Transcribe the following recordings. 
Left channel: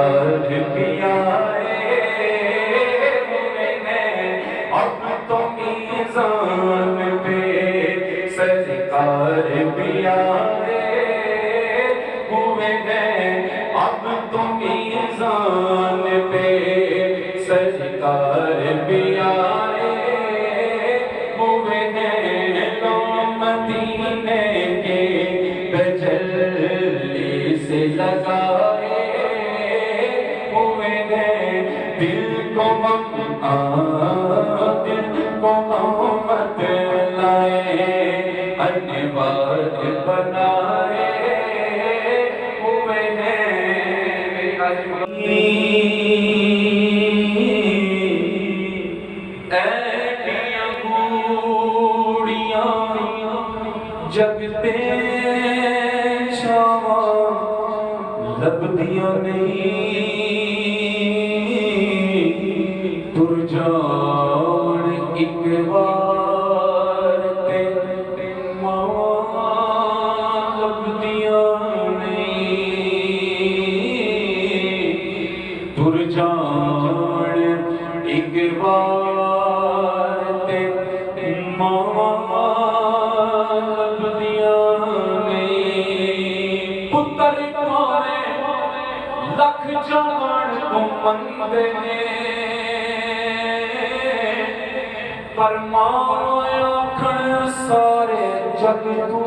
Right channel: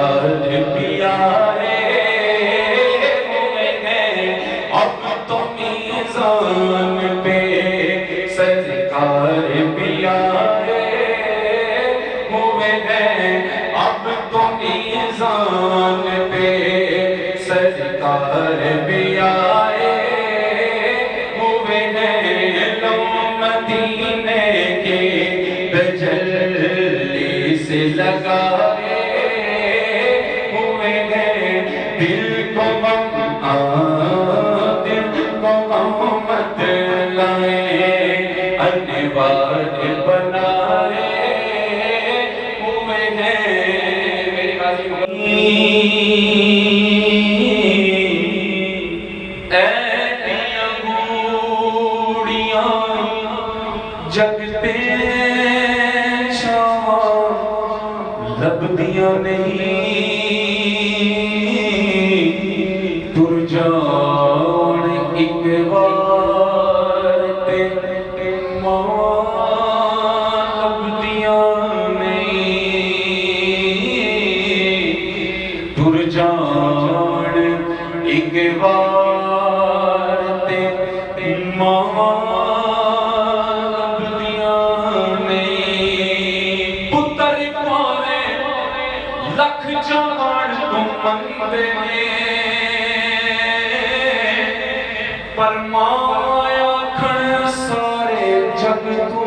سرکار بھی آئے ہوئے ہیں، اب تو میزان پہ سرکار بھی آئے ہوئے ہیں، اب تو میزان پہ سرکار بھی آئے ہوئے ہیں، لو مدینے کے تجلی سے لگائے ہوئے ہیں، دل کو محمد لائے، انوار بنائے ہوئے ہیں۔ میری ایلیاں گوڑیاں جگتے چھاواں لبدیاں نہیں، تر جان ایک بار تے ماں لبدیاں نہیں، تر جان ایک بار تے ماں لبدیاں نہیں، پتر پاوے لکھ جان تو مندے نے، پر ماں آکھن سارے جگ تو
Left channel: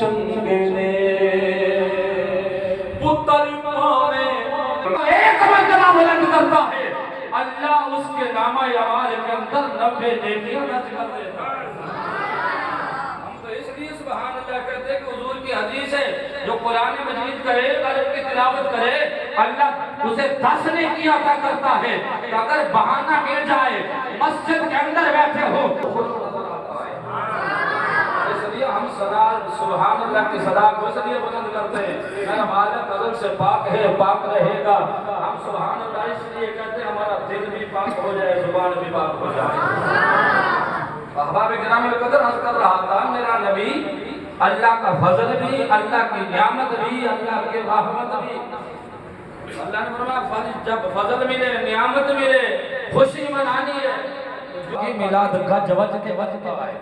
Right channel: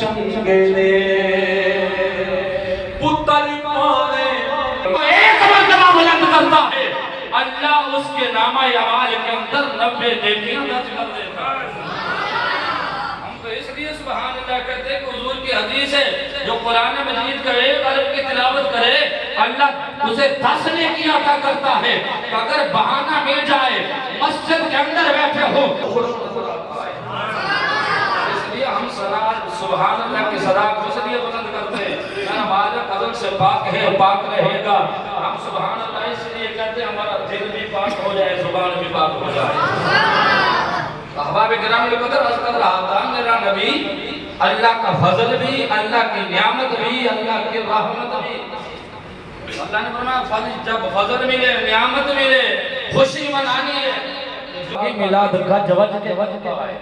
چنگے نے، پتر پاوے ایک مرتبہ بلند کرتا ہے، اللہ اس کے نامہ اعمال کے اندر 90 نیکیاں درج کر دیتا ہے۔ ہم تو اس لیے سبحان اللہ کہتے ہیں کہ حضور کی حدیث ہے، جو قرآن مجید کا ایک حرف کی تلاوت کرے اللہ اسے 10 نیکی عطا کرتا ہے، کہ اگر بہانہ مل جائے مسجد کے اندر بیٹھے ہو خوش نظر آتا ہے۔ اس لیے ہم سبحان اللہ کی صدا کو اس لیے بلند کرتے ہیں، میرا مالک عدل سے پاک ہے، پاک رہے گا۔ ہم سبحان اللہ اس لیے کہتے ہیں ہمارا دل بھی پاک ہو جائے، زبان بھی پاک ہو جائے۔ احباب کرام القدر عرض کر رہا تھا، میرا نبی اللہ کا فضل بھی، اللہ کی نعمت بھی، اللہ کی رحمت بھی، اللہ نے فرمایا جب فضل ملے، نعمت ملے، خوشی منانی ہے، میلاد کا جوج کے وقت آئے۔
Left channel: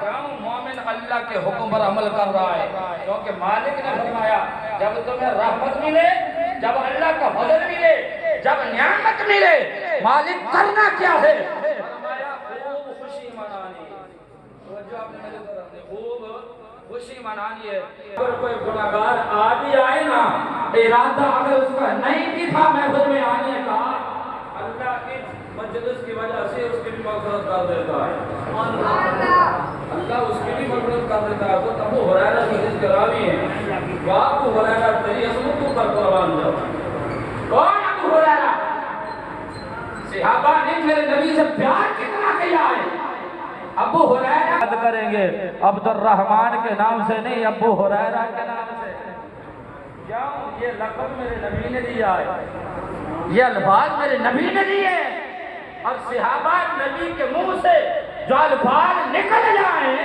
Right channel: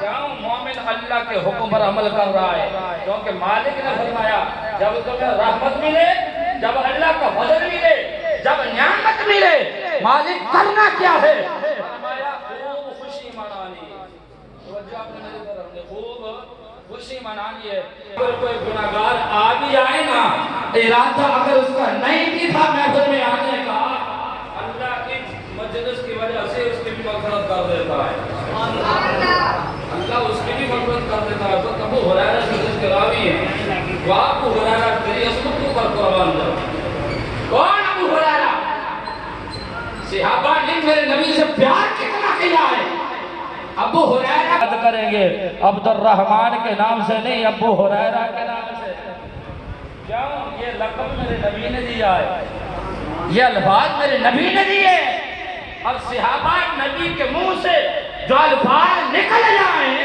کیوں؟ مومن اللہ کے حکم پر عمل کر رہا ہے، کیونکہ مالک نے فرمایا جب تمہیں رحمت ملے، جب اللہ کا فضل ملے، جب نعمت ملے، مالک کرنا کیا ہے؟ فرمایا خوب خوشی منانی، توجہ اپنے نظر پر رکھیں، خوب خوشی منانی ہے۔ اگر کوئی گناہگار آ بھی آئے نا، ارادہ اگر اس کا نہیں بھی تھا محفل میں آنے کا، اللہ کی مجلس کی وجہ سے اس کی بھی مغفرت کر دیتا ہے، اللہ اس کی بھی مغفرت کر دیتا ہے۔ تو ابو ہریرہ حدیث کے راوی ہیں، وہ ابو ہریرہ تیری عظمت کو پر قربان جاؤ۔ کون ابو ہریرہ؟ صحابہ نے میرے نبی سے پیار کتنا کیا ہے۔ ابو ہریرہ یاد کریں گے عبد الرحمن کے نام سے نہیں، ابو ہریرہ کے نام سے۔ کیوں؟ یہ لقب میرے نبی نے دیا ہے، یہ الفاظ میرے نبی نے دیے، اور صحابہ نبی کے منہ سے جو الفاظ نکل جائیں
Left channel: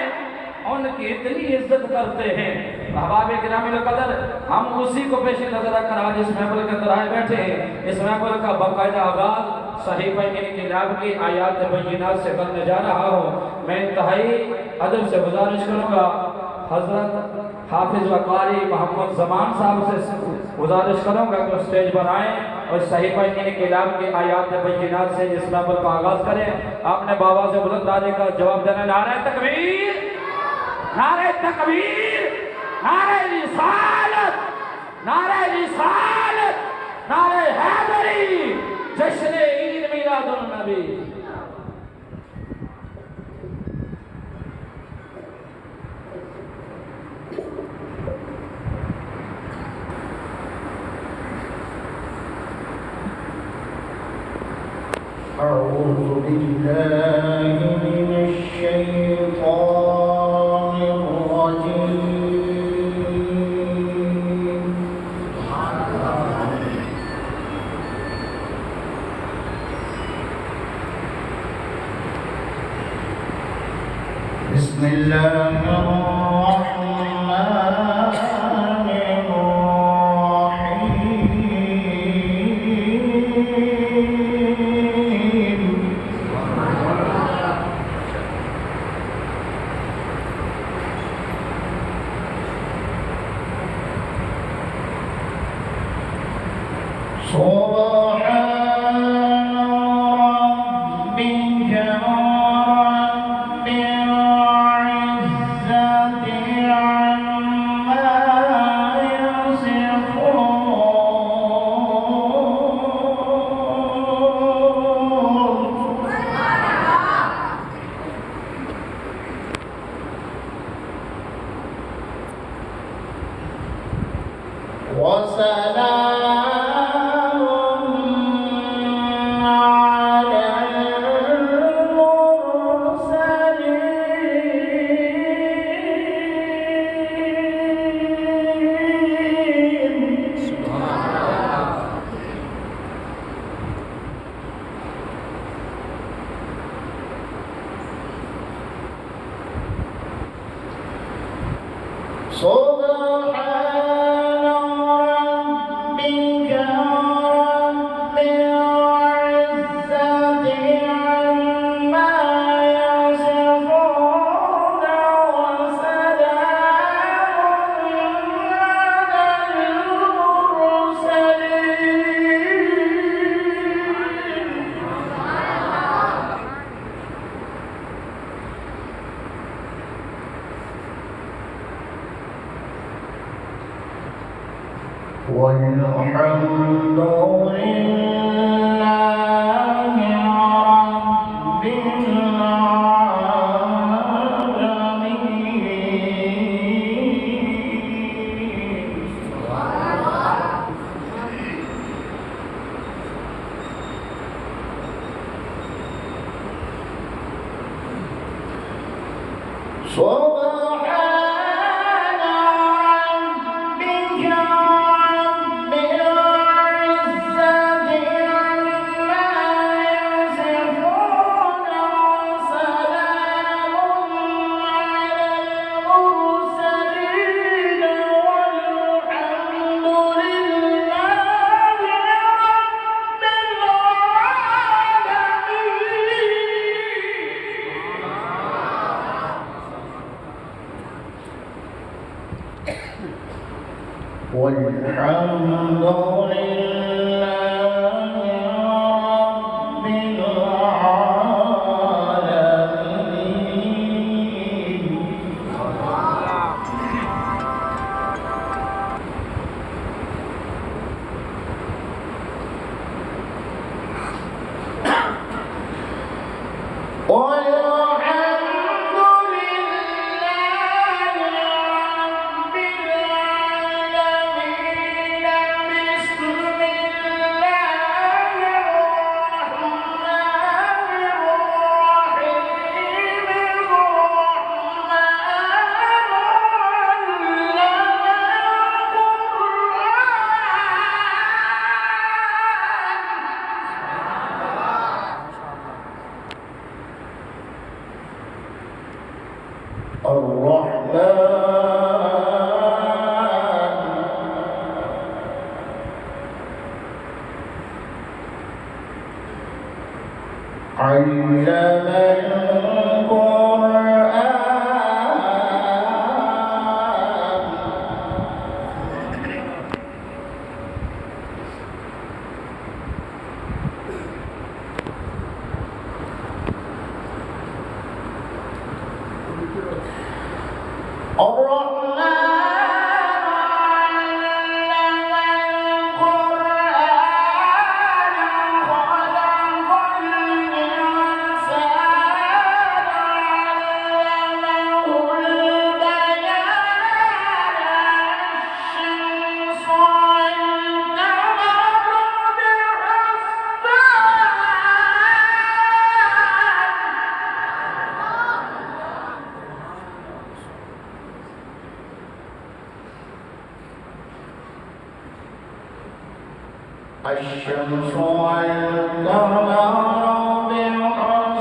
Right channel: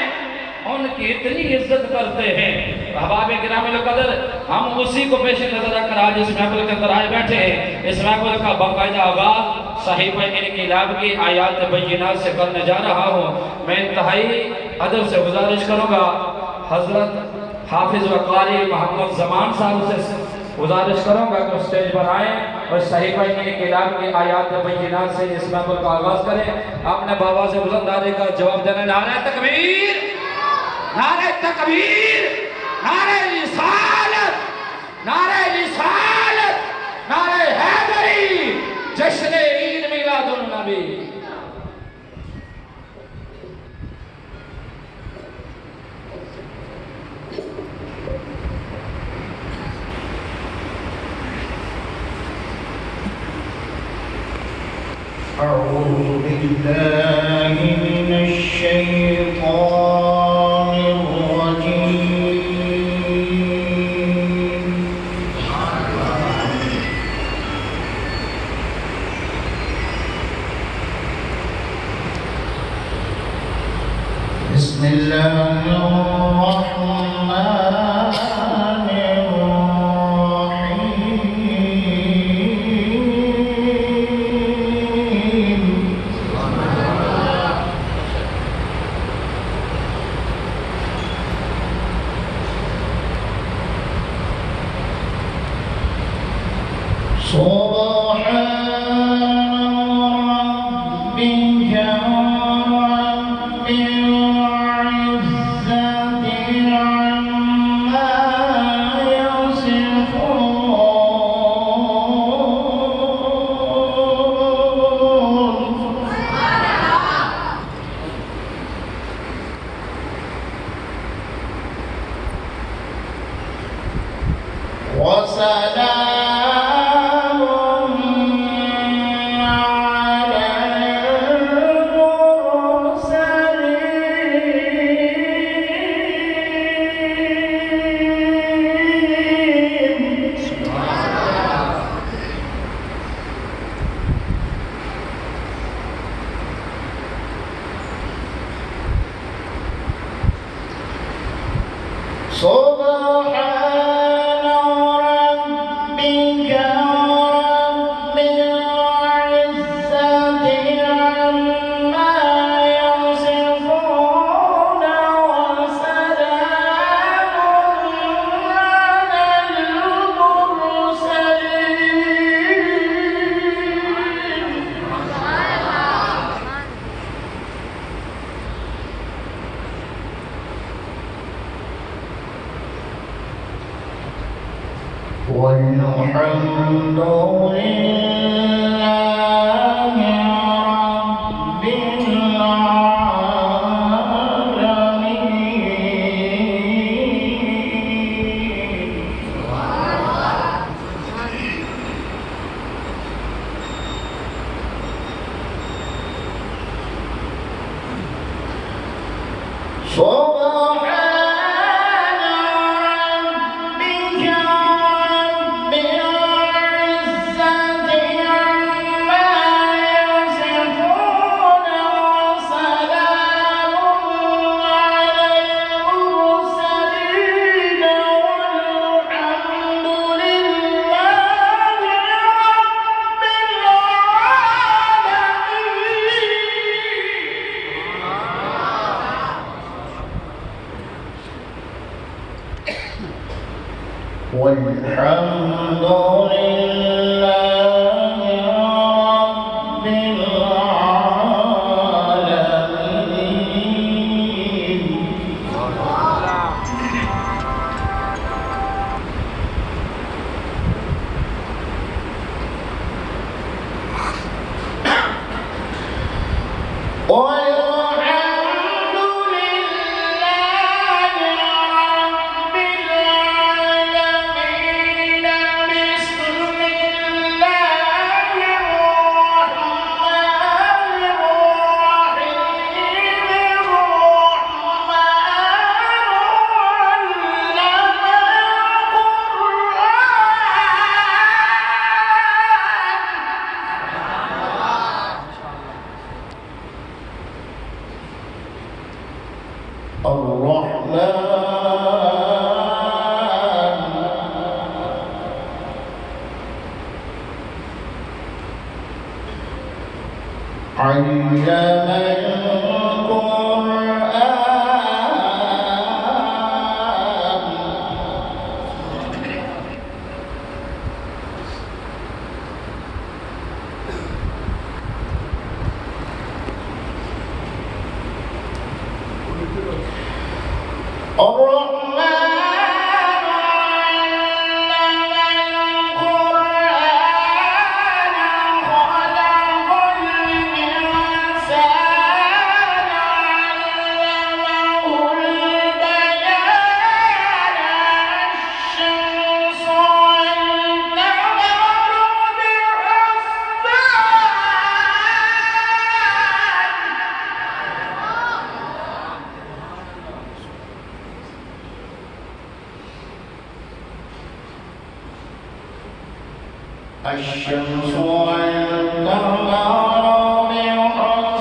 ان کی اتنی عزت کرتے ہیں۔ احباب کرام القدر، ہم اسی کو پیش نظر رکھ کر آج اس محفل کے اندر آئے بیٹھے ہیں۔ اس محفل کا باقاعدہ آغاز صحیفہ انقلاب کی آیات بینات سے کرنے جا رہا ہوں۔ میں انتہائی ادب سے گزارش کروں گا، حضرت حافظ و قاری محمد زمان صاحب سے گزارش کروں گا کہ اسٹیج پر آئیں اور صحیفہ انقلاب کی آیات بینات سے اس محفل کا آغاز کریں۔ آپ نے بابا سے بلند نعرے کا جواب دینا، نعرہ تکبیر، نعرہ تکبیر، نعرہ رسالت، نعرہ رسالت، نعرہ حیدری، جشن عید میلاد النبی۔ أعوذ بالله من الشيطان الرجيم بسم الله الرحمن الرحيم والحمد لله رب العالمين. سبحان ربك رب العزة عما يصفون وسلام على المرسلين والحمد لله رب العالمين. والحمد لله الشمس والقمر بحسبان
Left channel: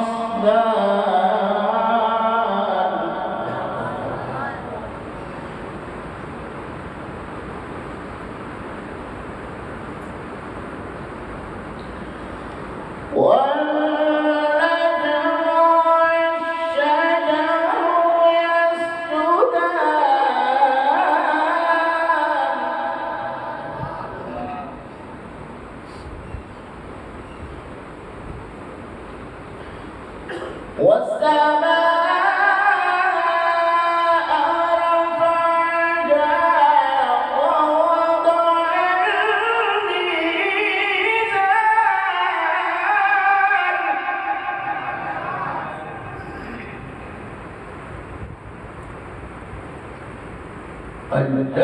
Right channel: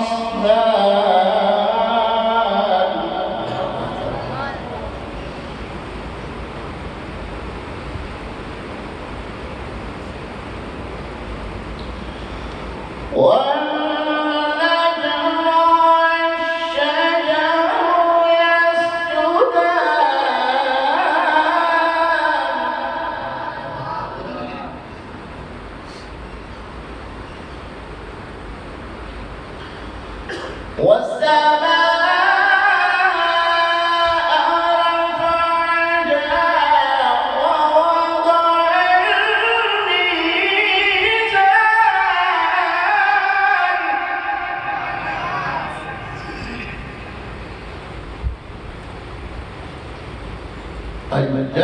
والنجم والشجر يسجدان والسماء رفعها ووضع الميزان قدرت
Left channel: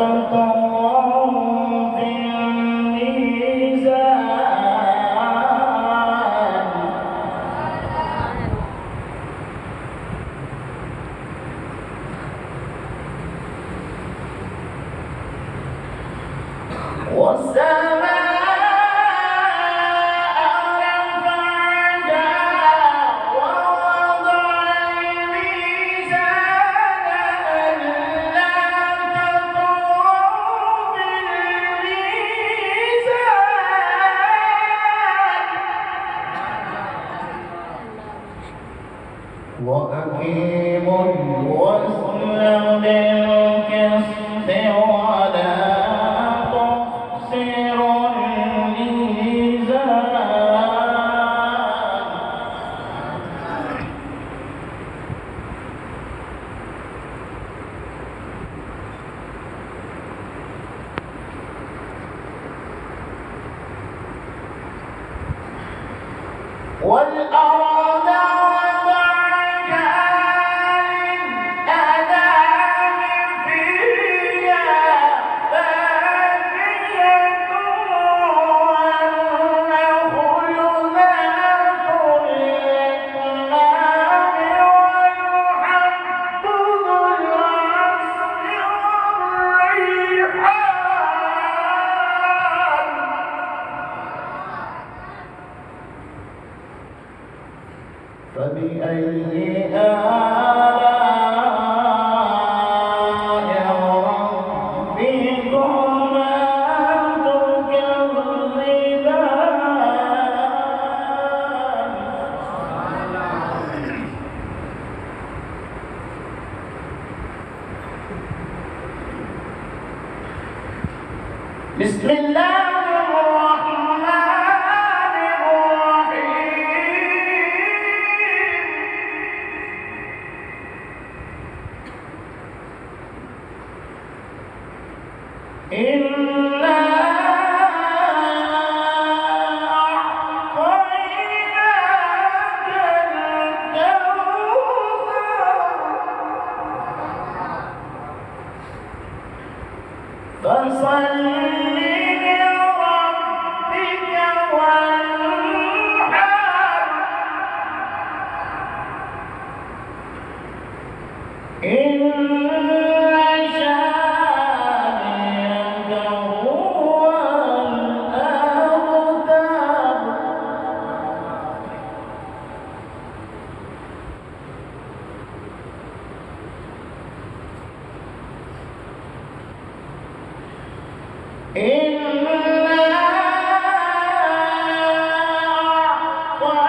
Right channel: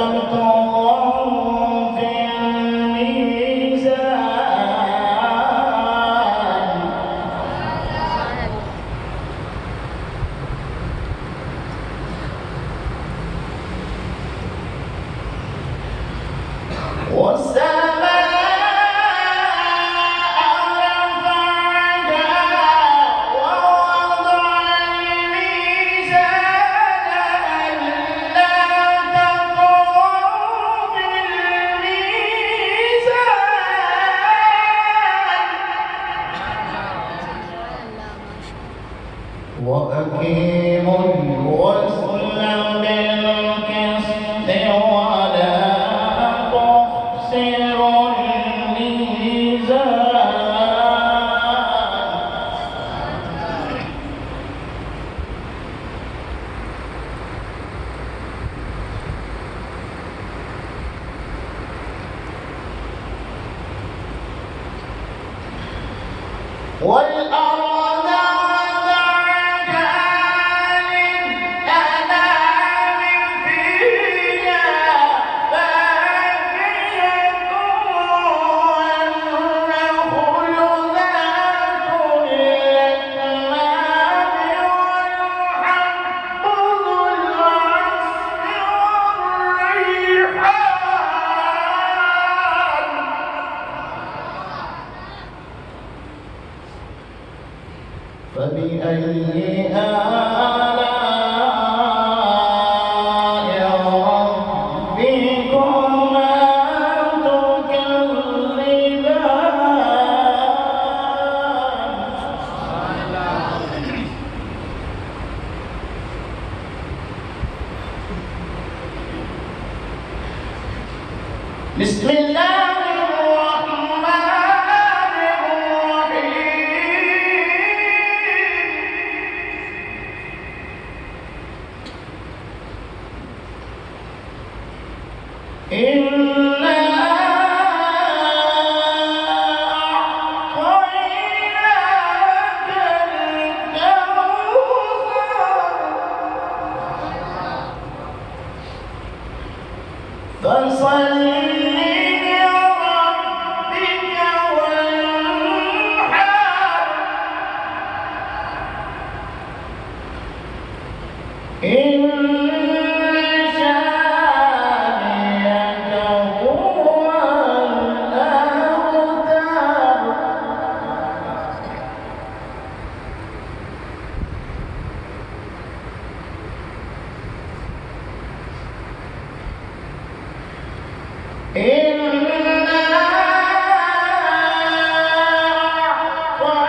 الله في الميزان وأقيموا الوزن بالقسط ولا تخسروا الميزان والأرض وضعها للأنام فيها فاكهة والنخل ذات الأكمام والحب ذو العصف والريحان فبأي آلاء ربكما تكذبان بسم الله الرحمن الرحيم إنا أعطيناك الكوثر فصل لربك وانحر إن شانئك هو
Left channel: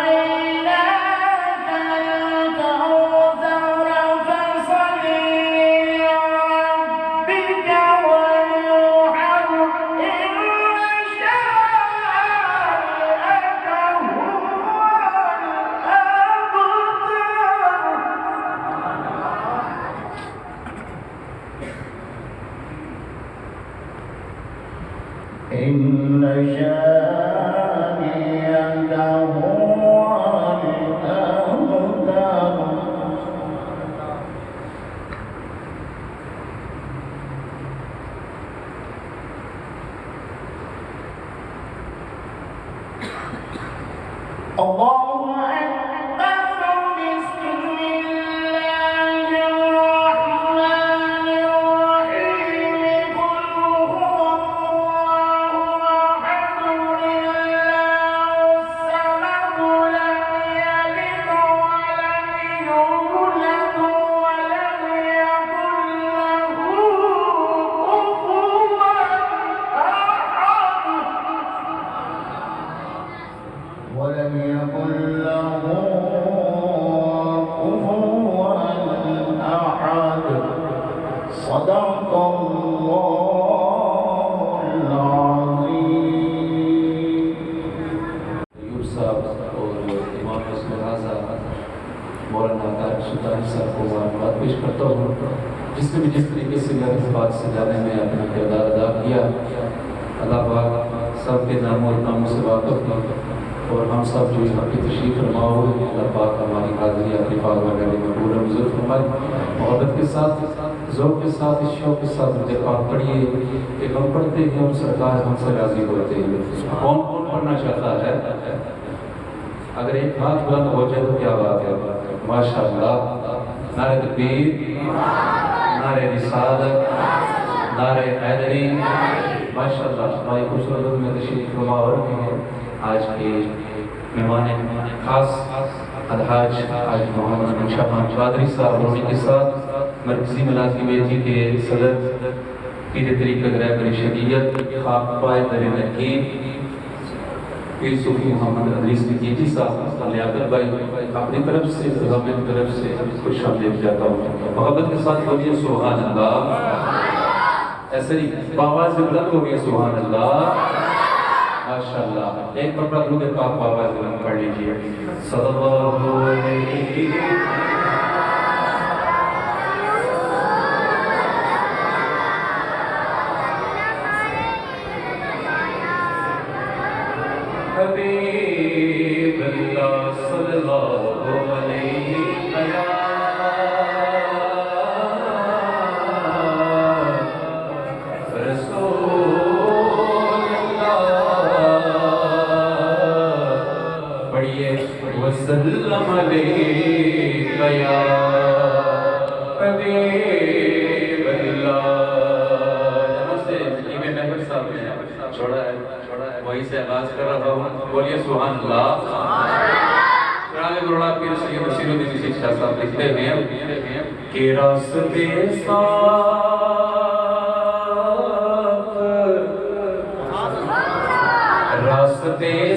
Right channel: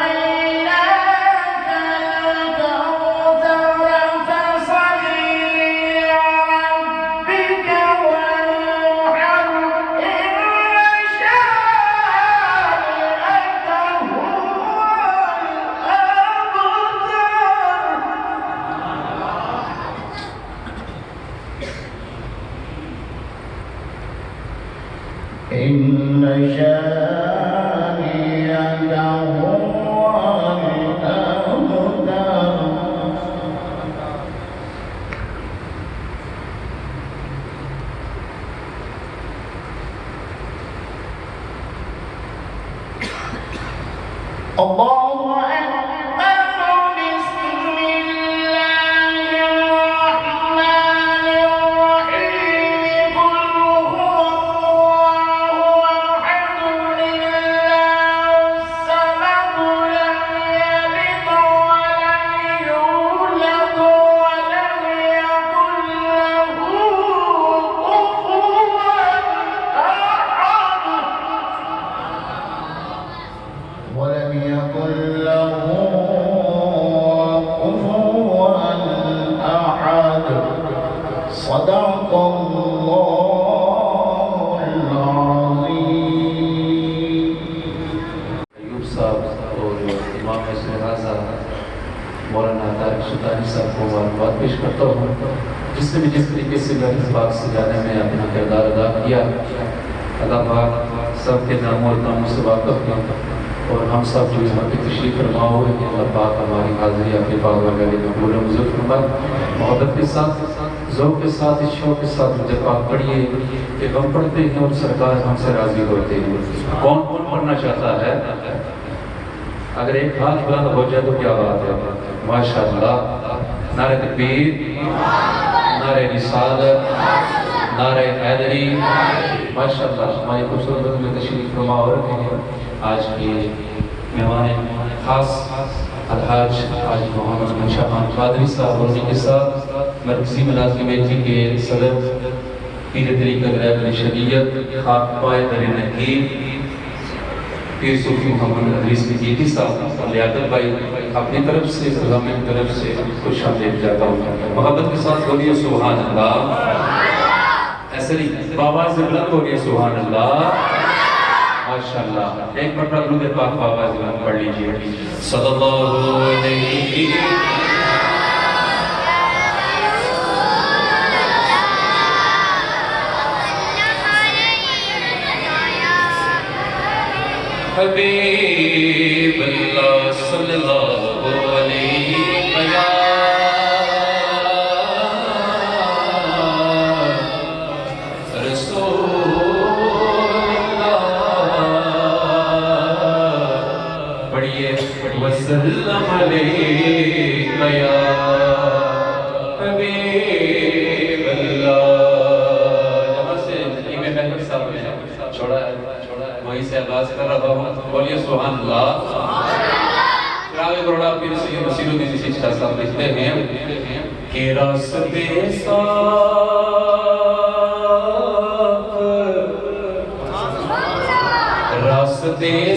الأبتر إنا أعطيناك الكوثر فصل لربك وانحر إن شانئك هو الأبتر إن شانئك هو الأبتر الله أكبر بسم الله الرحمن الرحيم قل هو الله أحد الله الصمد لم يلد ولم يولد ولم يكن له كفوا أحد ولم يكن له كفوا أحد صدق الله العظيم ایوب صاحب اور امام سہرازہ مولانا طارق سلطانی صاحب کو مبارکباد پیش کرتا ہوں جس نے بھی جس طریقے سے لفظ پاک سجانے میں اپنا کردار ادا کیا اللہ پاک سب کے ناموں اور کاموں سے واقف کیا اور ہم سب جو یہاں پہ تشریف فرما ہوئے ہیں اللہ پاک ہماری حاضری اپنے پاک بارگاہ میں قبول و منظور فرمائے محبت کے ساتھ ذوق کے ساتھ اس شوق کے ساتھ جب آپ پڑھیے کہ ہم پڑھتے ہیں اور سرکار ہم سے راضی ہوتے ہیں کون کون پڑھنا چاہتا ہے اگر ایک ہاتھ بلند ہو جائے تو کیا بات ہے ماشاءاللہ نعرہ تکبیر نعرہ رسالت نعرہ حیدری ماشاءاللہ ہماری خوبصورت میں تشریف فرما ہو رکھے ہیں آج کے مہمان خاص الحاج حاج محمد منشا خان قادری صاحب اور ان کے ساتھ مرکزی ملازم کمیٹی کے صدر پیر طریقہ گرامی شریعت خاک پائے در نقیب پیر صوفی محمد ادریس مجیدی صاحب لیاقت بھائی اپنی طرف سے غم کی طرف سے خوش آمدید جاتا ہوں محبت کے ساتھ بولیے سبحان اللہ ایسے نہیں باواز بلند ہو گئے سبحان اللہ ماشاءاللہ ایک مرتبہ درود پاک باواز بلند پڑھ لیجیے صلی اللہ علیہ حبیب اللہ صلی اللہ علیہ یا رسول اللہ پڑھیے وسلم علیہ یا حبیب اللہ جہاں سے امام محمد صاحب نے چھوڑا ہے وہیں سے آغاز کر رہا ہوں بولیے سبحان اللہ راگ گروڑا پیر سید نصیر الدین چشتیہ صاحب لکھتے ہیں کہ راستے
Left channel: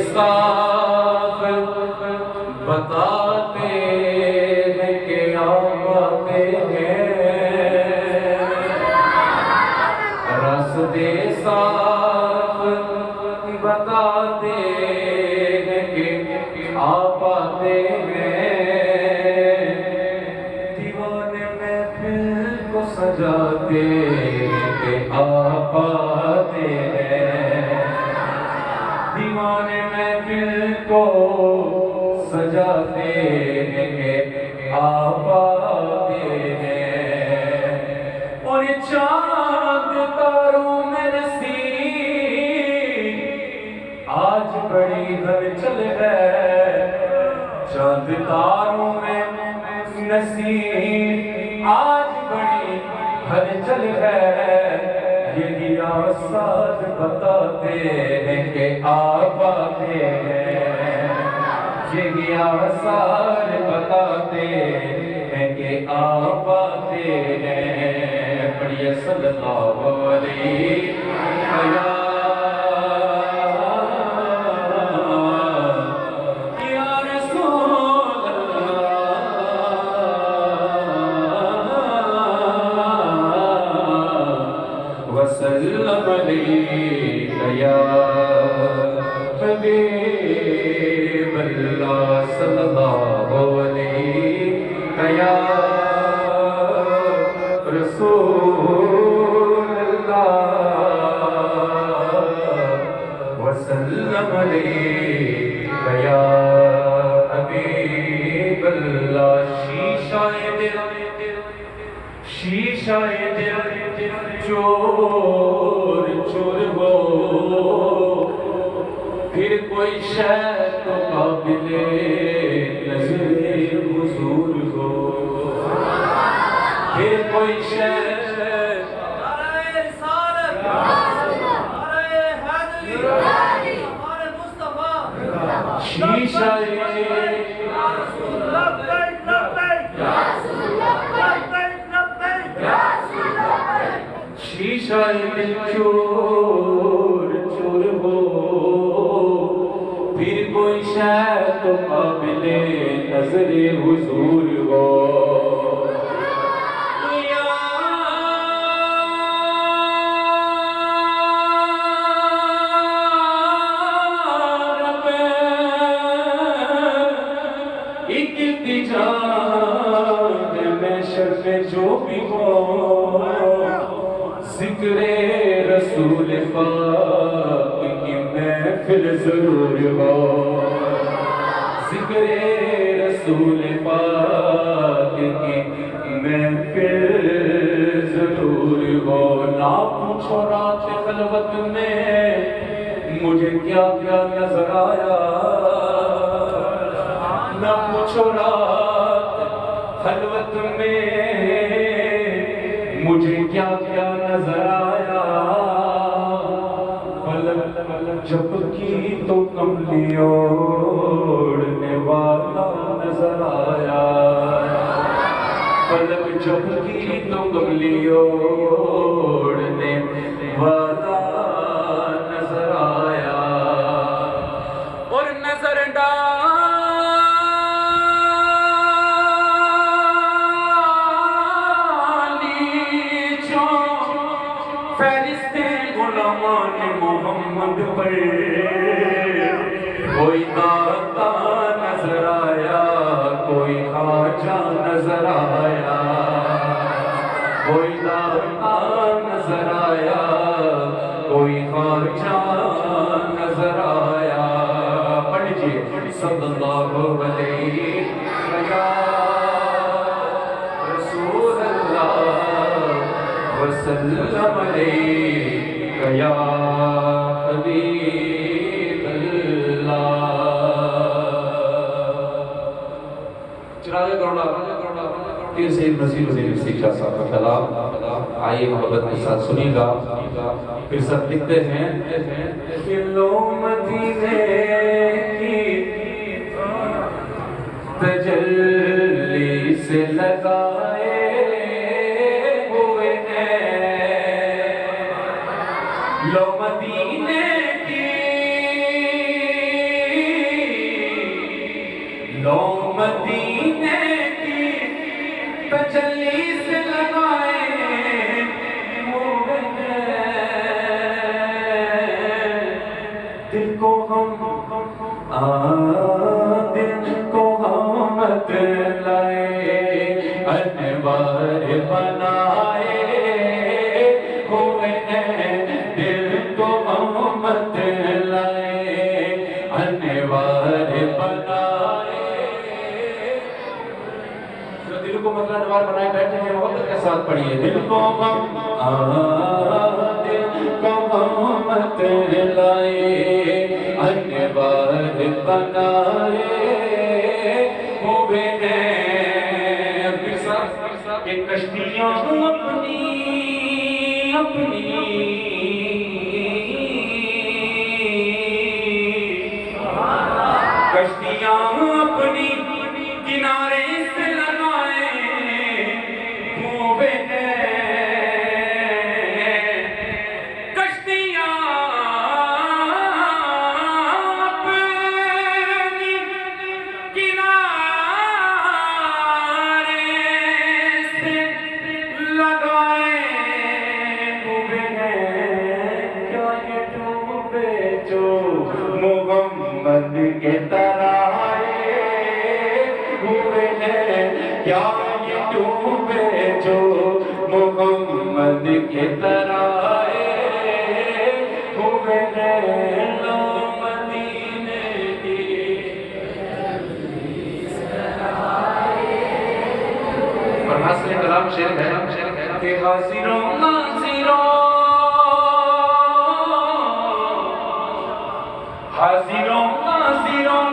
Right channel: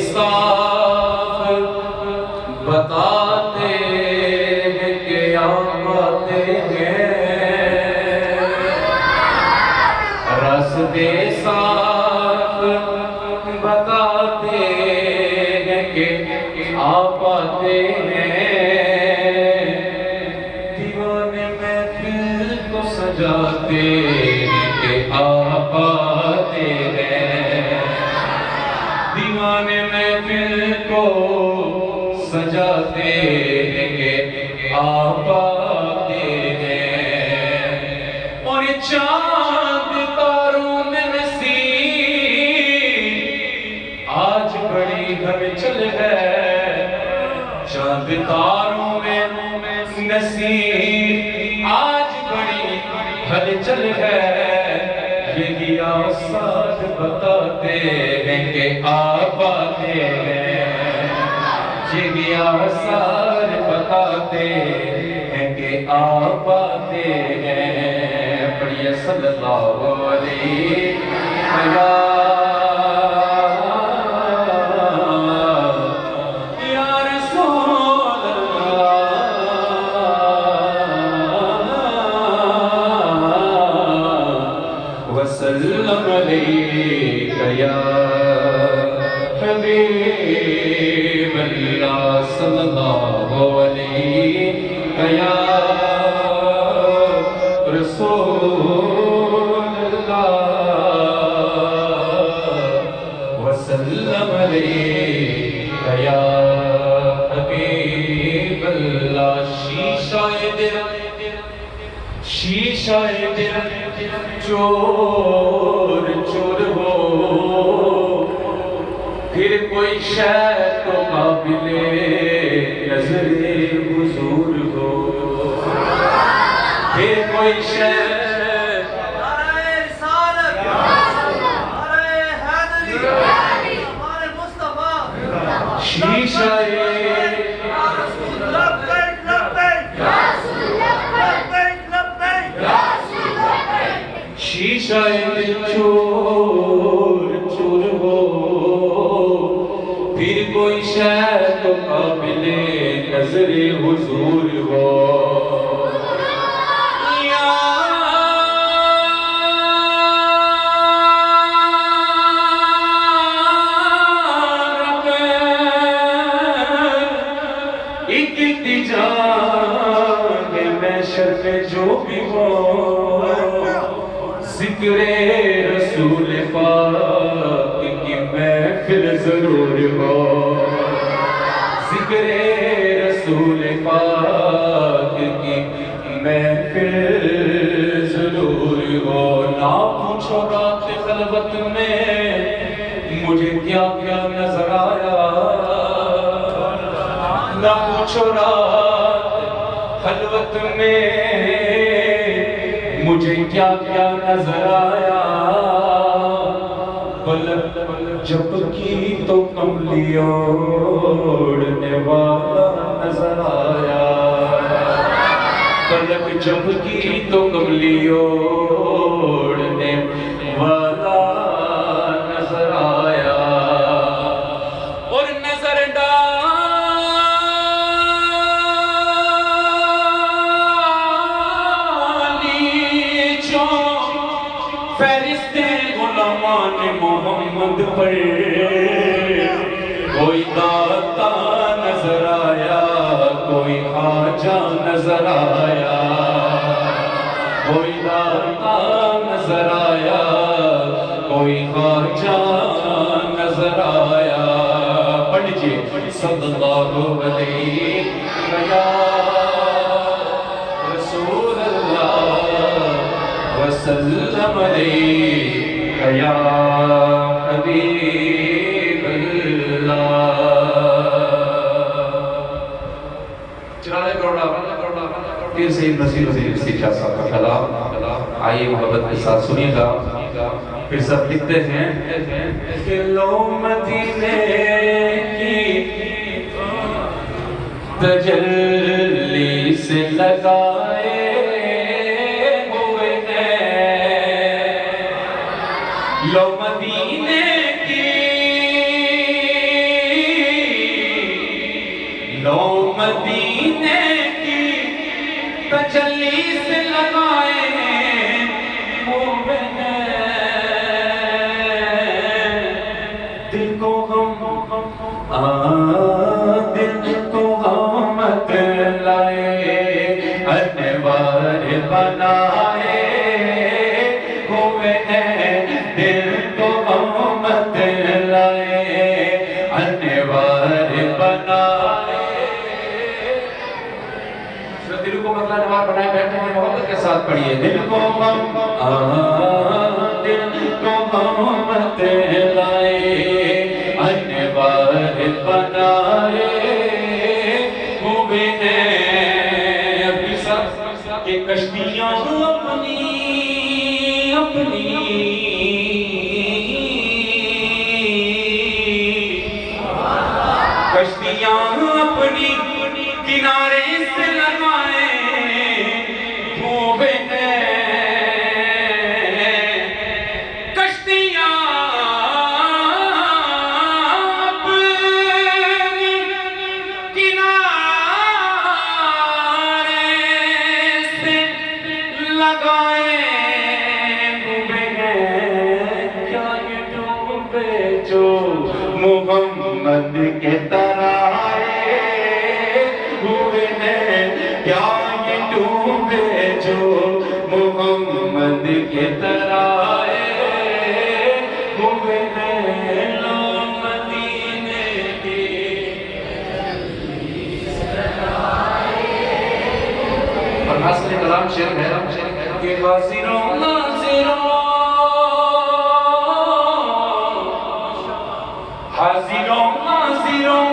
صاف بتاتے ہیں کہ آپ آتے ہیں راستے صاف بتاتے ہیں کہ آپ آتے ہیں دیوانے محفل کو سجاتے ہیں کہ آپ آتے ہیں دیوانے محفل کو سجاتے ہیں کہ آپ آتے ہیں اور یہ چاند تاروں میں نصیب آج بڑی ہلچل ہے چاند تاروں میں نصیب آج بڑی ہلچل ہے یہی آساد بتاتے ہیں کہ آپ آتے ہیں یہی آساد بتاتے ہیں کہ آپ آتے ہیں پڑھیے صلی اللہ علیہ یا رسول اللہ وسلم علیہ یا حبیب اللہ صلی اللہ علیہ یا رسول اللہ وسلم علیہ یا حبیب اللہ شیشہ دل چور چور ہو پھر کوئی شے تو قابل نظر حضور ہو پھر کوئی شے شیشہ شیشہ دل چور چور ہو پھر کوئی شے تو قابل نظر حضور ہو یا رب ایک التجا ہے محشر میں جو بھی ہو ذکر رسول پاک کی محفل ضرور ہو ذکر رسول پاک کی محفل ضرور ہو نہ پوچھو رات خلوت میں مجھے کیا کیا نظر آیا نہ پوچھو رات خلوت میں مجھے کیا کیا نظر آیا پلک جب کی تو کملی اوڑھنے والا نظر آیا پلک جب کی تو کملی اوڑھنے والا نظر آیا اور نظر فہرست غلامان محمد پر کوئی داتا نظر آیا کوئی خواجہ نظر آیا کوئی داتا نظر آیا کوئی خواجہ نظر آیا پڑھ لیجیے صلی اللہ علیک یا رسول اللہ وسلم علیک یا حبیب اللہ. چنانچہ پھر سے مسیح وزیر شاہ صاحب کا کلام آئیے محبت کے ساتھ سنیے گا. پھر سب لکھتے ہیں کہ لو مدینے کی تجلی سے لگائے ہوئے ہیں، لو مدینے کی لو مدینے کی تجلی سے لگائے ہوئے ہیں، دل کو دل کو مت لائے انوار بنائے ہوئے ہیں، دل کو مت لائے انوار بنائے. جو دل کو مطلب انوار بنائے بیٹھے ہیں محبت کے ساتھ پڑھیے. دل کو مت لائے انوار بنائے ہوئے ہیں، کہ کشتیاں اپنی کشتیاں اپنی کنارے سے لگائے ہوئے ہیں، کشتیاں اپنی کنارے سے لگائے ہوئے ہیں. کیا یہ ڈوبے جو محمد کے ترائے ہوئے ہیں، کیا یہ ڈوبے جو محمد کے ترائے ہوئے ہیں. لو مدینے کی اور حسن کلام شعر ہے کہ حاضروں ناظروں حاضروں ناظروں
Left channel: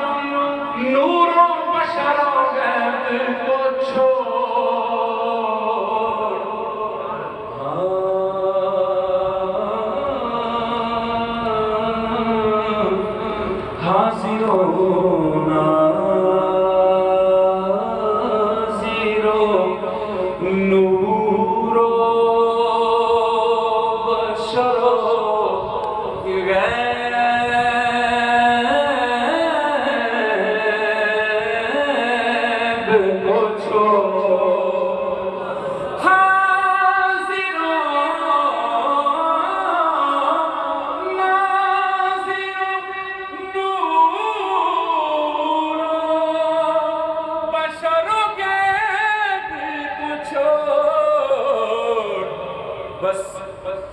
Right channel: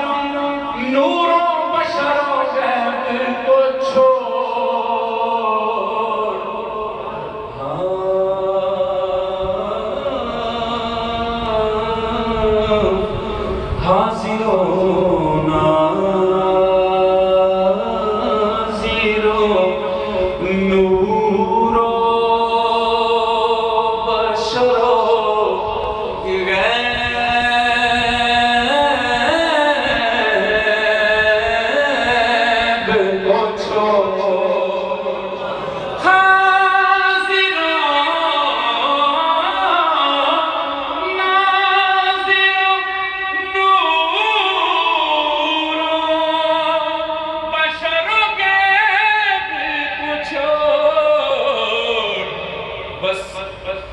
نور و بشر و غیب کو چھوڑ حاضروں ناظروں نور و بشر و غیب کو چھوڑ.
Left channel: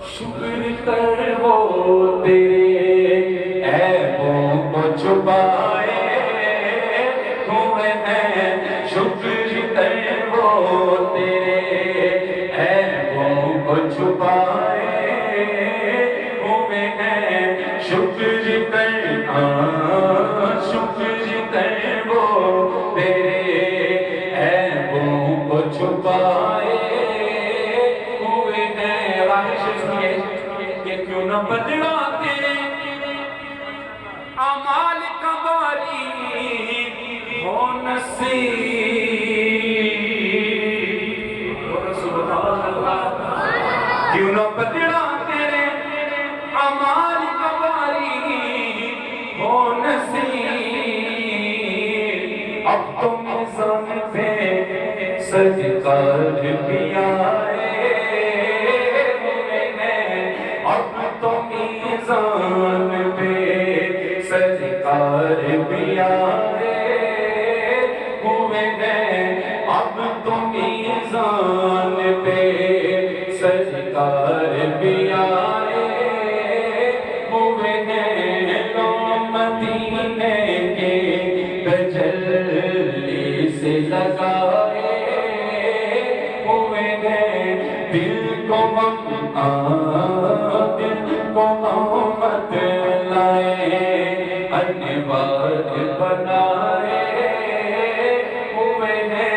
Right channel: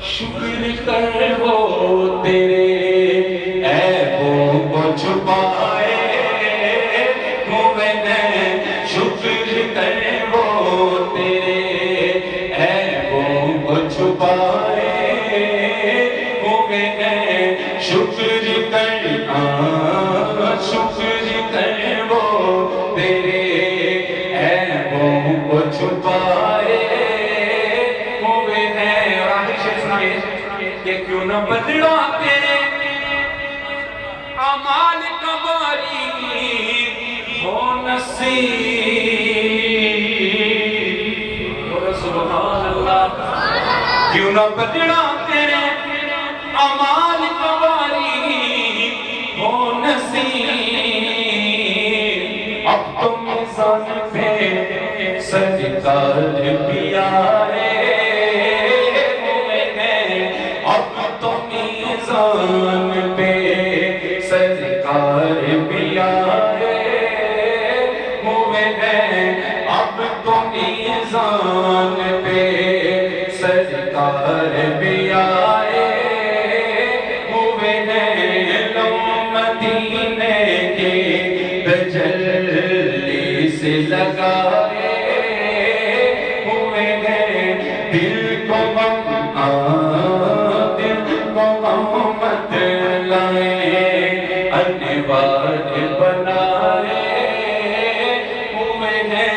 شکر کر وہ تیرے عیبوں کو چھپائے ہوئے ہیں، شکر کر وہ تیرے عیبوں کو چھپائے ہوئے ہیں، شکر کر وہ تیرے عیبوں کو چھپائے ہوئے ہیں. اور آخر شعر سنائے کہ کیوں نہ بدلاتے اعمال کا باری ہو نصیب. بولو سبحان اللہ. کیوں نہ بدلاتے اعمال کا باری ہو نصیب. اب تو میزان پہ سرکار بھی آئے ہوئے ہیں، اب تو میزان پہ سرکار بھی آئے ہوئے ہیں، اب تو میزان پہ سرکار بھی آئے ہوئے ہیں. لو مدینے کے تجلی سے لگائے ہوئے ہیں دل کو غم دل کو مت لائے انوار بنائے ہوئے ہیں.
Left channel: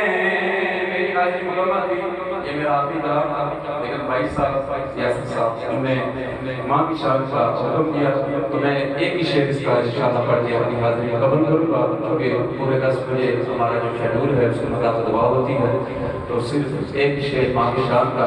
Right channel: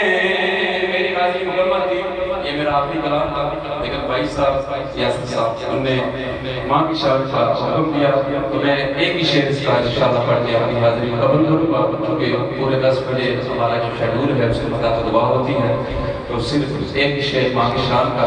میری حاضری مکمل تھی. یہ میرا آخری کلام تھا لیکن بھائی صاحب یاسر صاحب انہوں نے ماں کی شان کا حکم دیا تو میں ایک ہی شعر اس کا انشاءاللہ پڑھ کے اپنی حاضری مکمل کروں گا کیونکہ پورے 10 بجے ہمارا جو شیڈول ہے اس کے مطابق دعا ہوتی ہے تو صرف ایک ہی شعر ماں کی شان کا.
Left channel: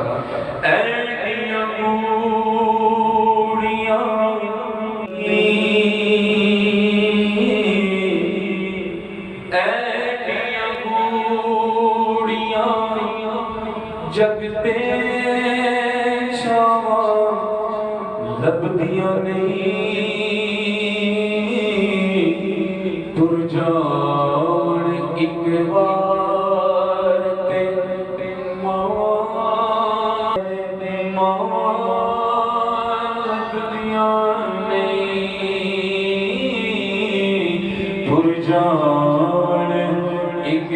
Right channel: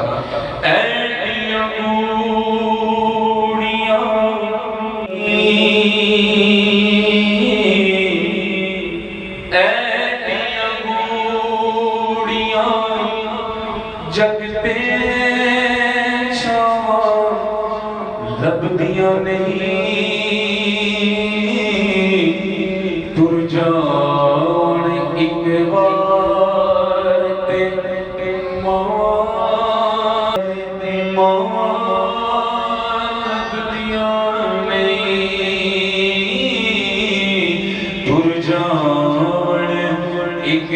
جگ پہ چھاواں لبدیاں نہیں تر جان ایک بار تے ماں لبدیاں نہیں تر جان ایک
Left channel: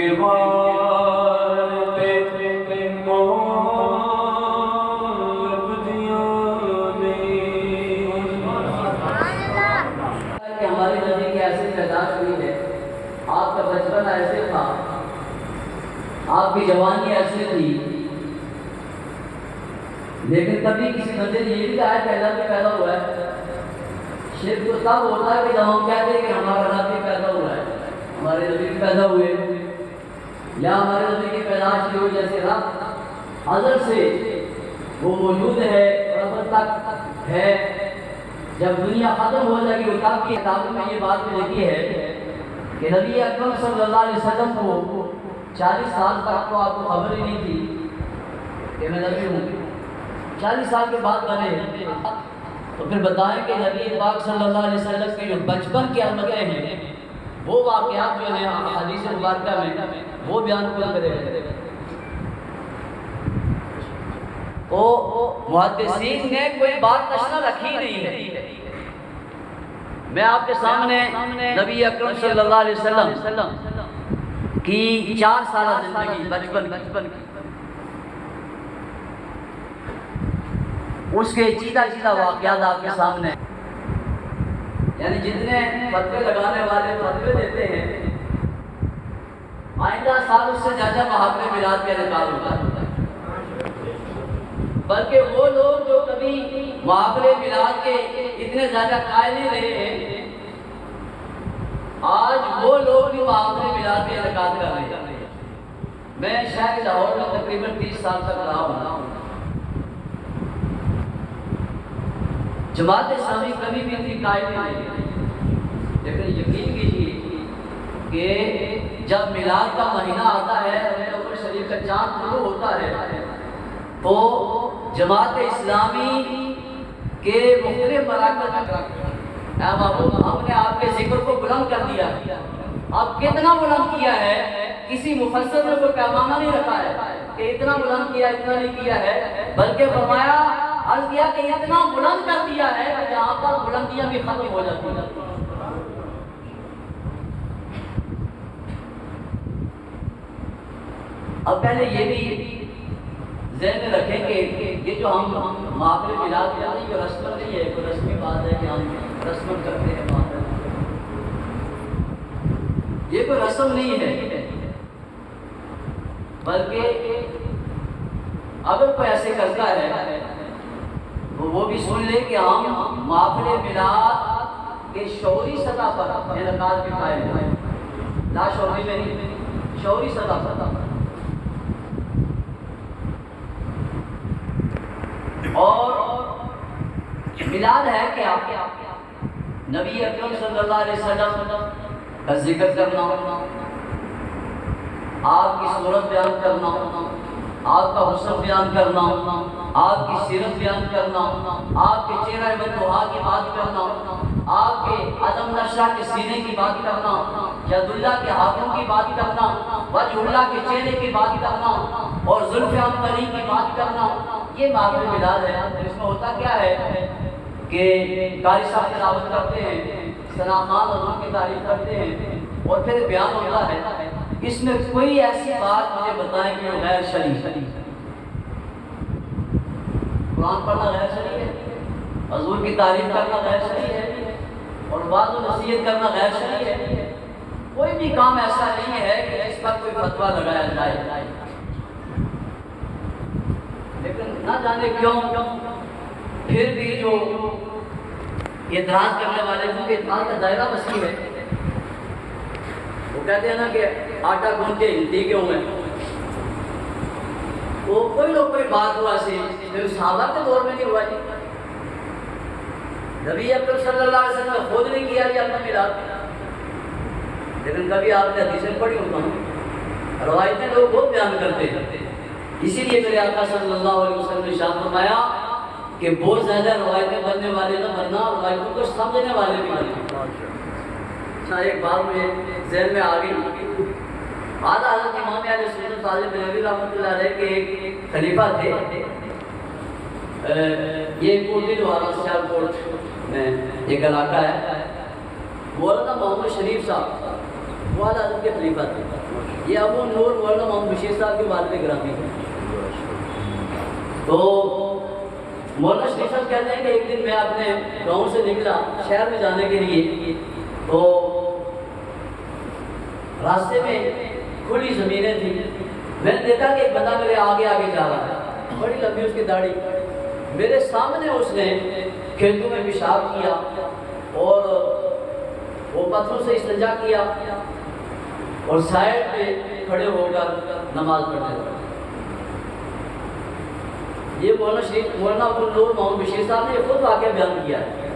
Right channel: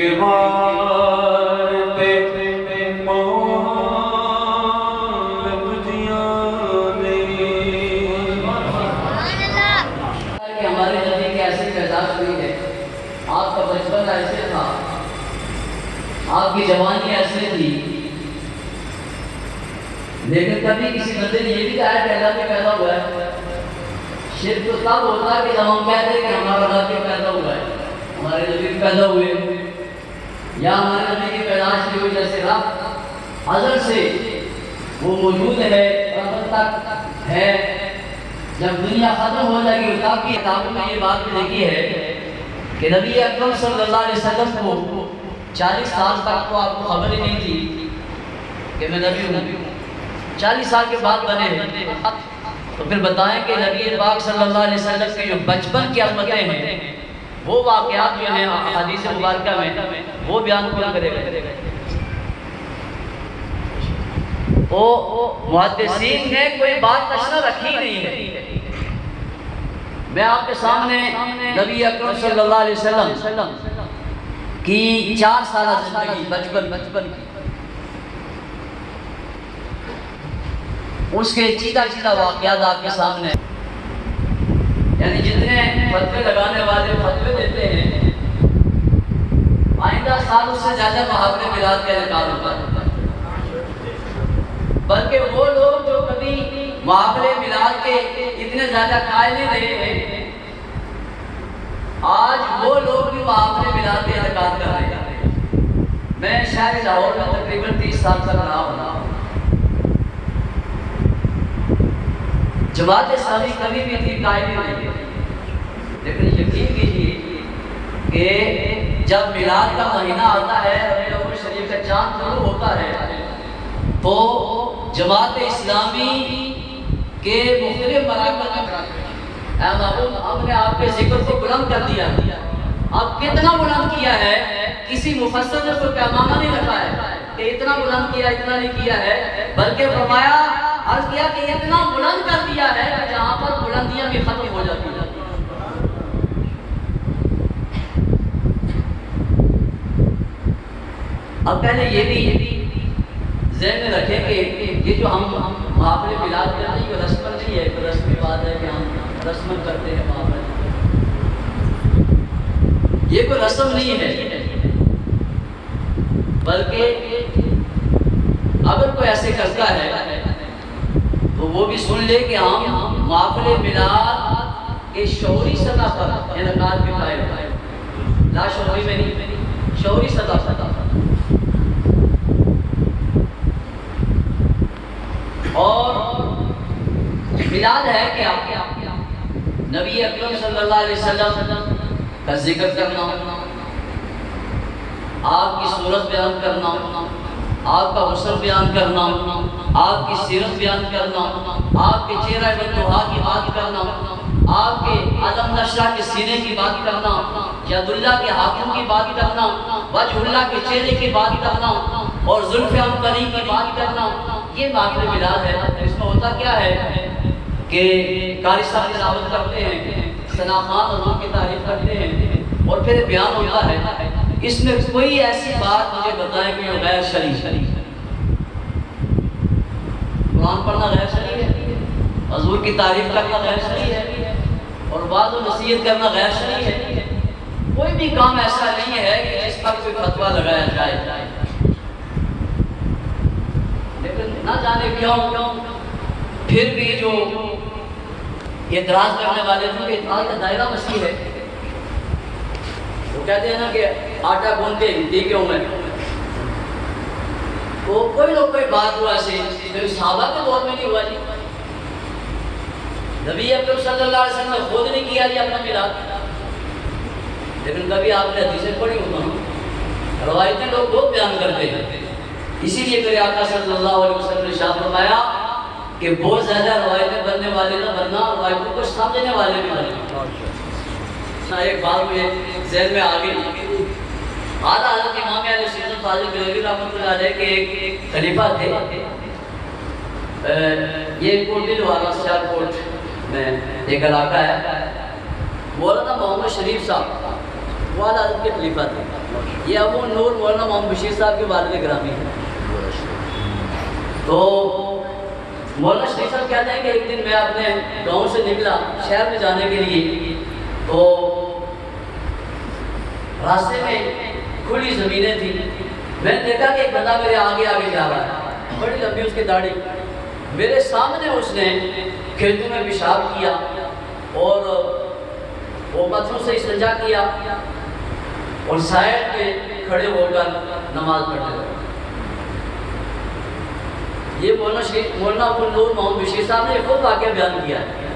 بار ایسے تھا آپ کی جوانی ایسے تھی لیکن کبھی کسی بندے نے یہ بھی کہا کہ اللہ پہ پیدا ہوا ہے. شرک تو تب ہوتا ہے کہ جب ہم کہتے ہیں کہ ہمارا اللہ پہ پیدا ہوا ہے ہمارے نبی پیدا ہوئے یا ہمارے نبی کی پیدائش کی وجہ سے رب ازل سے وہ موجود ہے اب تک ہے. جب دنیا ختم ہو جائے گی تب کی کتابوں میں یہ بات بھی لکھی ہے کہ نبی اکرم صلی اللہ علیہ وسلم کو 40 سال تک تو آپ کو خبر ہی نہیں تھی کہ میں نبی ہوں. 40 سال کے بعد بنے تو پھر بتائیں کہ نبی پاک صلی اللہ علیہ وسلم کے جو بچپن کی علامتیں ہیں وہ واقعات جو ہیں حدیث مبارکہ میں وہ بیان کیا کرے گا. محدثین نے کوئی بات نشر رکھی نہیں ہے. میں آپ کے سامنے نبی اکرم صلی اللہ علیہ وسلم کی 4 سالہ زندگی بچپن کی اس کے چیدہ واقعات آپ کے سامنے یعنی جتنے فتوے لگانے والے فتوے دیتے ہیں آئندہ سال اس سے زیادہ محاورے میلاد کا انعقاد ہوتا ہے. بلکہ وہ لوگ جو کبھی محافلے میلاد کے اتنے زیادہ قائل نہیں رہے ہیں آج وہ لوگ بھی محافلے میلاد کے انعقاد کر رہے ہیں. میں شہر لاہور میں تقریباً 30 سال تک رہا ہوں. جماعت اسلامی کبھی بھی اتنی قائل نہیں رہی لیکن یقین کیجیے کہ جب میلاد کا مہینہ آتا ہے ربیع الاول شریف کا چاند شروع ہوتا ہے تو جماعت اسلامی کے مختلف مراکز میں ہم نے آپ کے ذکر کو بلند کر دیا. اب کتنا بلند کیا ہے کسی مفسر نے تو پیمانہ نہیں رکھا ہے کہ اتنا بلند کیا اتنا نہیں کیا ہے بلکہ فرمایا عرض کیا کہ اتنا بلند کر دیا ہے کہ جہاں پر بلندیاں بھی ختم ہو جاتی ہیں. اب پہلے یہ بھی ذہن میں رکھیں کہ یہ جو ہم محافل میلاد کر رہے ہیں یہ رسم نہیں ہے کوئی رسمی بات ہے کہ ہم رسم کرتے ہیں محافل یہ کوئی رسم نہیں ہے بلکہ اگر کوئی ایسے کرتا ہے تو وہ بھی سن لے کہ ہم محافل میلاد کے شعوری سطح پر انعقاد کے قائل ہیں. لا شعوری میں نہیں شعوری سطح پر. اور میلاد ہے کیا نبی اکرم صلی اللہ علیہ وسلم کا ذکر کرنا آپ کی صورت بیان کرنا آپ کا حسن بیان کرنا آپ کی سیرت بیان کرنا آپ کے چہرہ بطحا کی بات کرنا آپ کے علم نشرہ کے سینے کی بات کرنا ید اللہ کے ہاتھوں کی بات کرنا وجہ اللہ کے چہرے کی بات کرنا اور زلف عنقری کی بات کرنا یہ محافل میلاد ہے. اس میں ہوتا کیا ہے کہ قاری صاحب تلاوت کرتے ہیں ثنا خوان حضور کی تعریف کرتے ہیں اور پھر بیان ہوتا ہے اس میں کوئی ایسی بات مجھے بتائیں کہ جو غیر شرعی ہے؟ قرآن پڑھنا غیر شرعی ہے، حضور کی تعریف کرنا غیر شرعی ہے، اور بعض و نصیحت کرنا غیر شرعی ہے؟ کوئی بھی کام ایسا نہیں ہے کہ جس پر کوئی فتویٰ لگایا جائے، لیکن نہ جانے کیوں پھر بھی جو اعتراض کرنے والے کیونکہ اعتراض کا دائرہ وسیع ہے، وہ کہتے ہیں نا کہ آٹا گوندھ کے ہلتی کیوں میں؟ تو کوئی لوگ کوئی بات ہوا ایسے پھر صحابہ کے دور میں نہیں ہوا جی، نبی اکرم صلی اللہ علیہ وسلم نے خود نہیں کیا جی اپنا میراث، لیکن کبھی آپ نے حدیثیں پڑھی ہوتا ہوں، روایتیں لوگ بہت بیان کرتے ہیں، اسی لیے میرے آقا صلی اللہ علیہ وسلم نے ارشاد فرمایا کہ بہت زیادہ روایتیں بننے والے نہ بننا، روایتوں کو سمجھنے والے بھی بننا۔ ایک بات مجھے ذہن میں آ گئی، اعلیٰ حضرت امام اہل سنت فاضل بریلوی رحمۃ اللہ علیہ کے ایک خلیفہ تھے، یہ کوٹلی لوہارا سیالکوٹ میں ایک علاقہ ہے، مولانا محمد شریف صاحب وہ اعلیٰ حضرت کے خلیفہ تھے، یہ ابو نور مولانا محمد بشیر صاحب کے والد گرامی ہیں۔ تو مولانا شریف صاحب کہتے ہیں کہ ایک دن میں اپنے گاؤں سے نکلا شہر میں جانے کے لیے، تو راستے میں کھلی زمینیں تھیں، میں نے دیکھا کہ ایک بندہ میرے آگے آگے جا رہا ہے، بڑی لمبی اس کی داڑھی، میرے سامنے اس نے کھیتوں میں پیشاب کیا اور وہ پتھروں سے استنجا کیا اور سائڈ پہ کھڑے ہو کر نماز پڑھنے لگا۔ یہ مولانا ابو نور محمد بشیر صاحب نے خود واقعہ بیان کیا ہے۔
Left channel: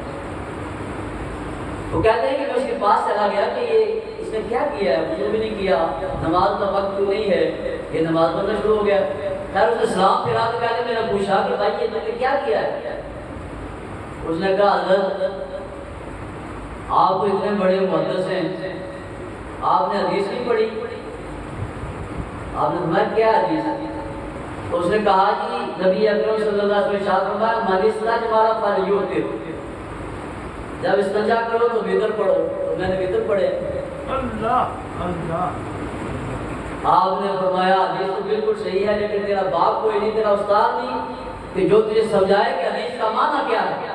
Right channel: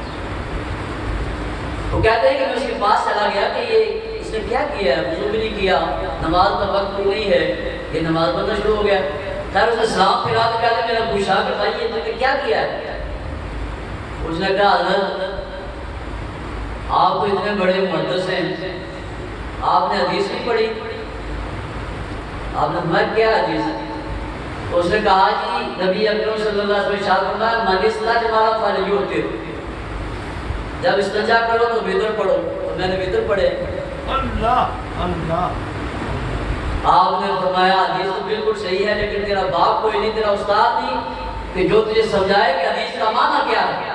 وہ کہتے ہیں کہ میں اس کے پاس چلا گیا کہ یہ اس نے کیا کیا ہے، وضو بھی نہیں کیا، نماز کا وقت بھی نہیں ہے، یہ نماز پڑھنا شروع ہو گیا۔ خیر اس نے سلام پھرا تو کہتے میرا پوچھا کہ بھائی یہ تم نے کیا کیا ہے؟ اس نے کہا حضرت آپ کو اتنے بڑے محدث ہیں، آپ نے حدیث نہیں پڑھی؟ آپ نے فرمایا کیا حدیث؟ تو اس نے کہا جی نبی اکرم صلی اللہ علیہ وسلم ارشاد فرمایا من استجمر فلیوتر، جب استنجا کرو تو وتر پڑھو، تو میں نے وتر پڑھے۔ اللہ اللہ، آپ نے فرمایا حدیث تو بالکل صحیح ہے لیکن تیرا باپ کوئی نہیں، تیرا استاد نہیں کہ جو تجھے سمجھائے کہ حدیث کا معنی کیا ہے۔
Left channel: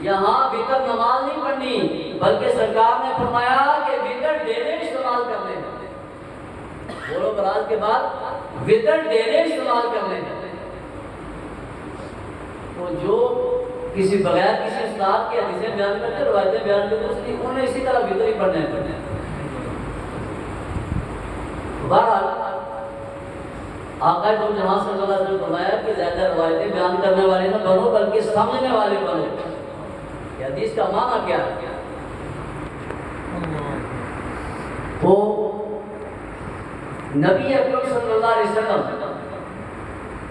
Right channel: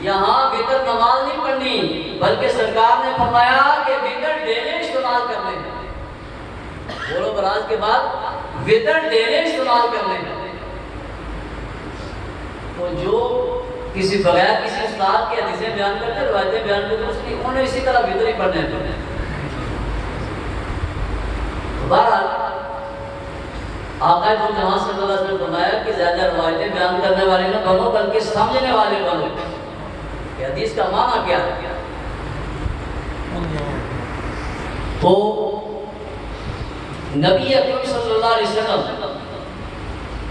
یہاں وتر نماز نہیں پڑھنی بلکہ سرکار نے فرمایا کہ وتر ڈیرے استعمال کرنے، بولو براز کے بعد وتر ڈیرے استعمال کرنے۔ تو جو کسی بغیر کسی استاد کی حدیثیں بیان کرتے، روایتیں بیان کرتے، اس کی انہوں نے اسی طرح وتر ہی پڑھنے ہیں۔ بہرحال آقا جہاں صلی اللہ علیہ وسلم نے فرمایا کہ زیادہ روایتیں بیان کرنے والے نہ بنو بلکہ سمجھنے والے بنو کہ حدیث کا معنی کیا ہے۔ تو نبی اکرم صلی اللہ علیہ وسلم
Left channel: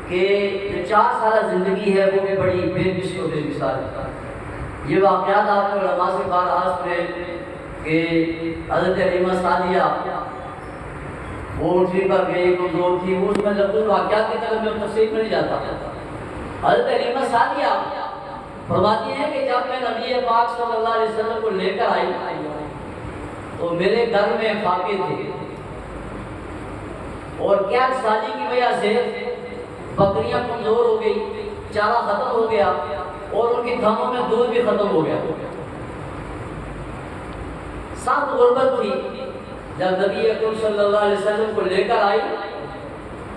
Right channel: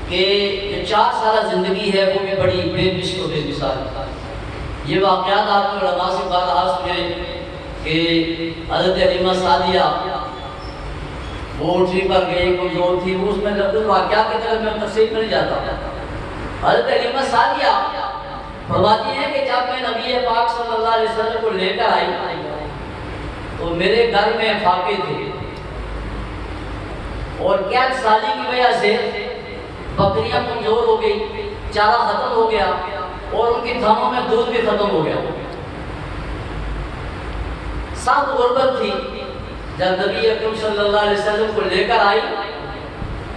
کہ جو 4 سالہ زندگی ہے وہ بھی بڑی بے مثل و بے مثال ہے۔ یہ واقعات آپ کو علماء سے بارہا سنے کہ حضرت حلیمہ سعدیہ وہ اونٹنی پر گئی، کمزور تھی، وہ اس میں لفظ واقعات کی طرف میں تفصیل میں نہیں جاتا۔ حضرت حلیمہ سعدیہ فرماتی ہیں کہ جب میں نبی پاک صلی اللہ علیہ وسلم کو لے کر آئی تو میرے گھر میں فاقے تھے اور قید سالی کی وجہ سے بکریاں کمزور ہو گئی، چارہ ختم ہو گیا اور ان کی تھنوں میں دودھ بھی ختم ہو گیا، سخت غربت تھی۔ جب نبی اکرم صلی اللہ علیہ وسلم کو لے کر آئی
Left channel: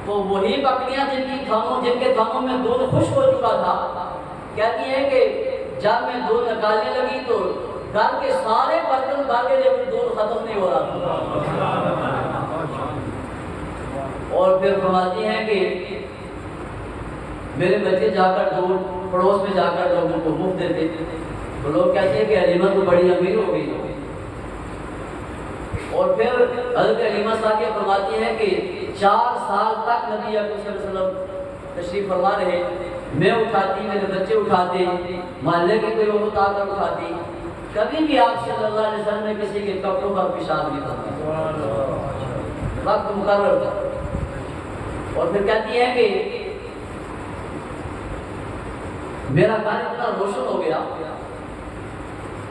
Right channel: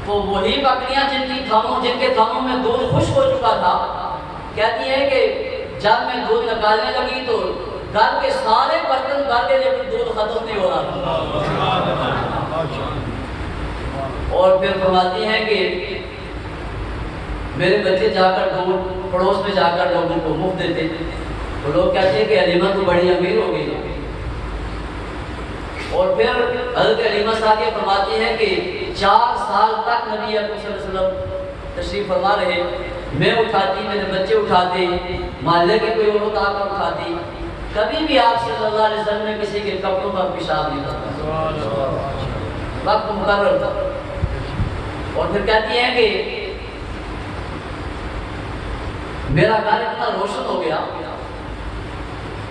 تو وہی بکریاں جن کے تھنوں میں دودھ خشک ہو چکا تھا، کہتی ہے کہ جب میں دودھ نکالنے لگی تو گھر کے سارے برتن بھر کے لیکن دودھ ختم نہیں ہو رہا تھا۔ اور پھر فرماتی ہیں کہ میرے بچے جا کر دودھ پڑوس میں جا کر لوگوں کو مفت دیتے، تو لوگ کہتے ہیں کہ حلیمہ تو بڑی امیر ہو گئی۔ اور پھر حضرت حلیمہ سعدیہ فرماتی ہیں کہ 4 سال تک نبی اکرم صلی اللہ علیہ وسلم تشریف فرما رہے، میں اٹھاتی، میرے بچے اٹھاتے، محلے کی کوئی عورت آ کر اٹھاتی، کبھی بھی آپ صلی اللہ علیہ وسلم نے کسی کے کپڑوں پر پیشاب نہیں کرتا، وقت مقرر تھا۔ اور پھر کہتی ہیں کہ میرا گھر اتنا روشن ہو گیا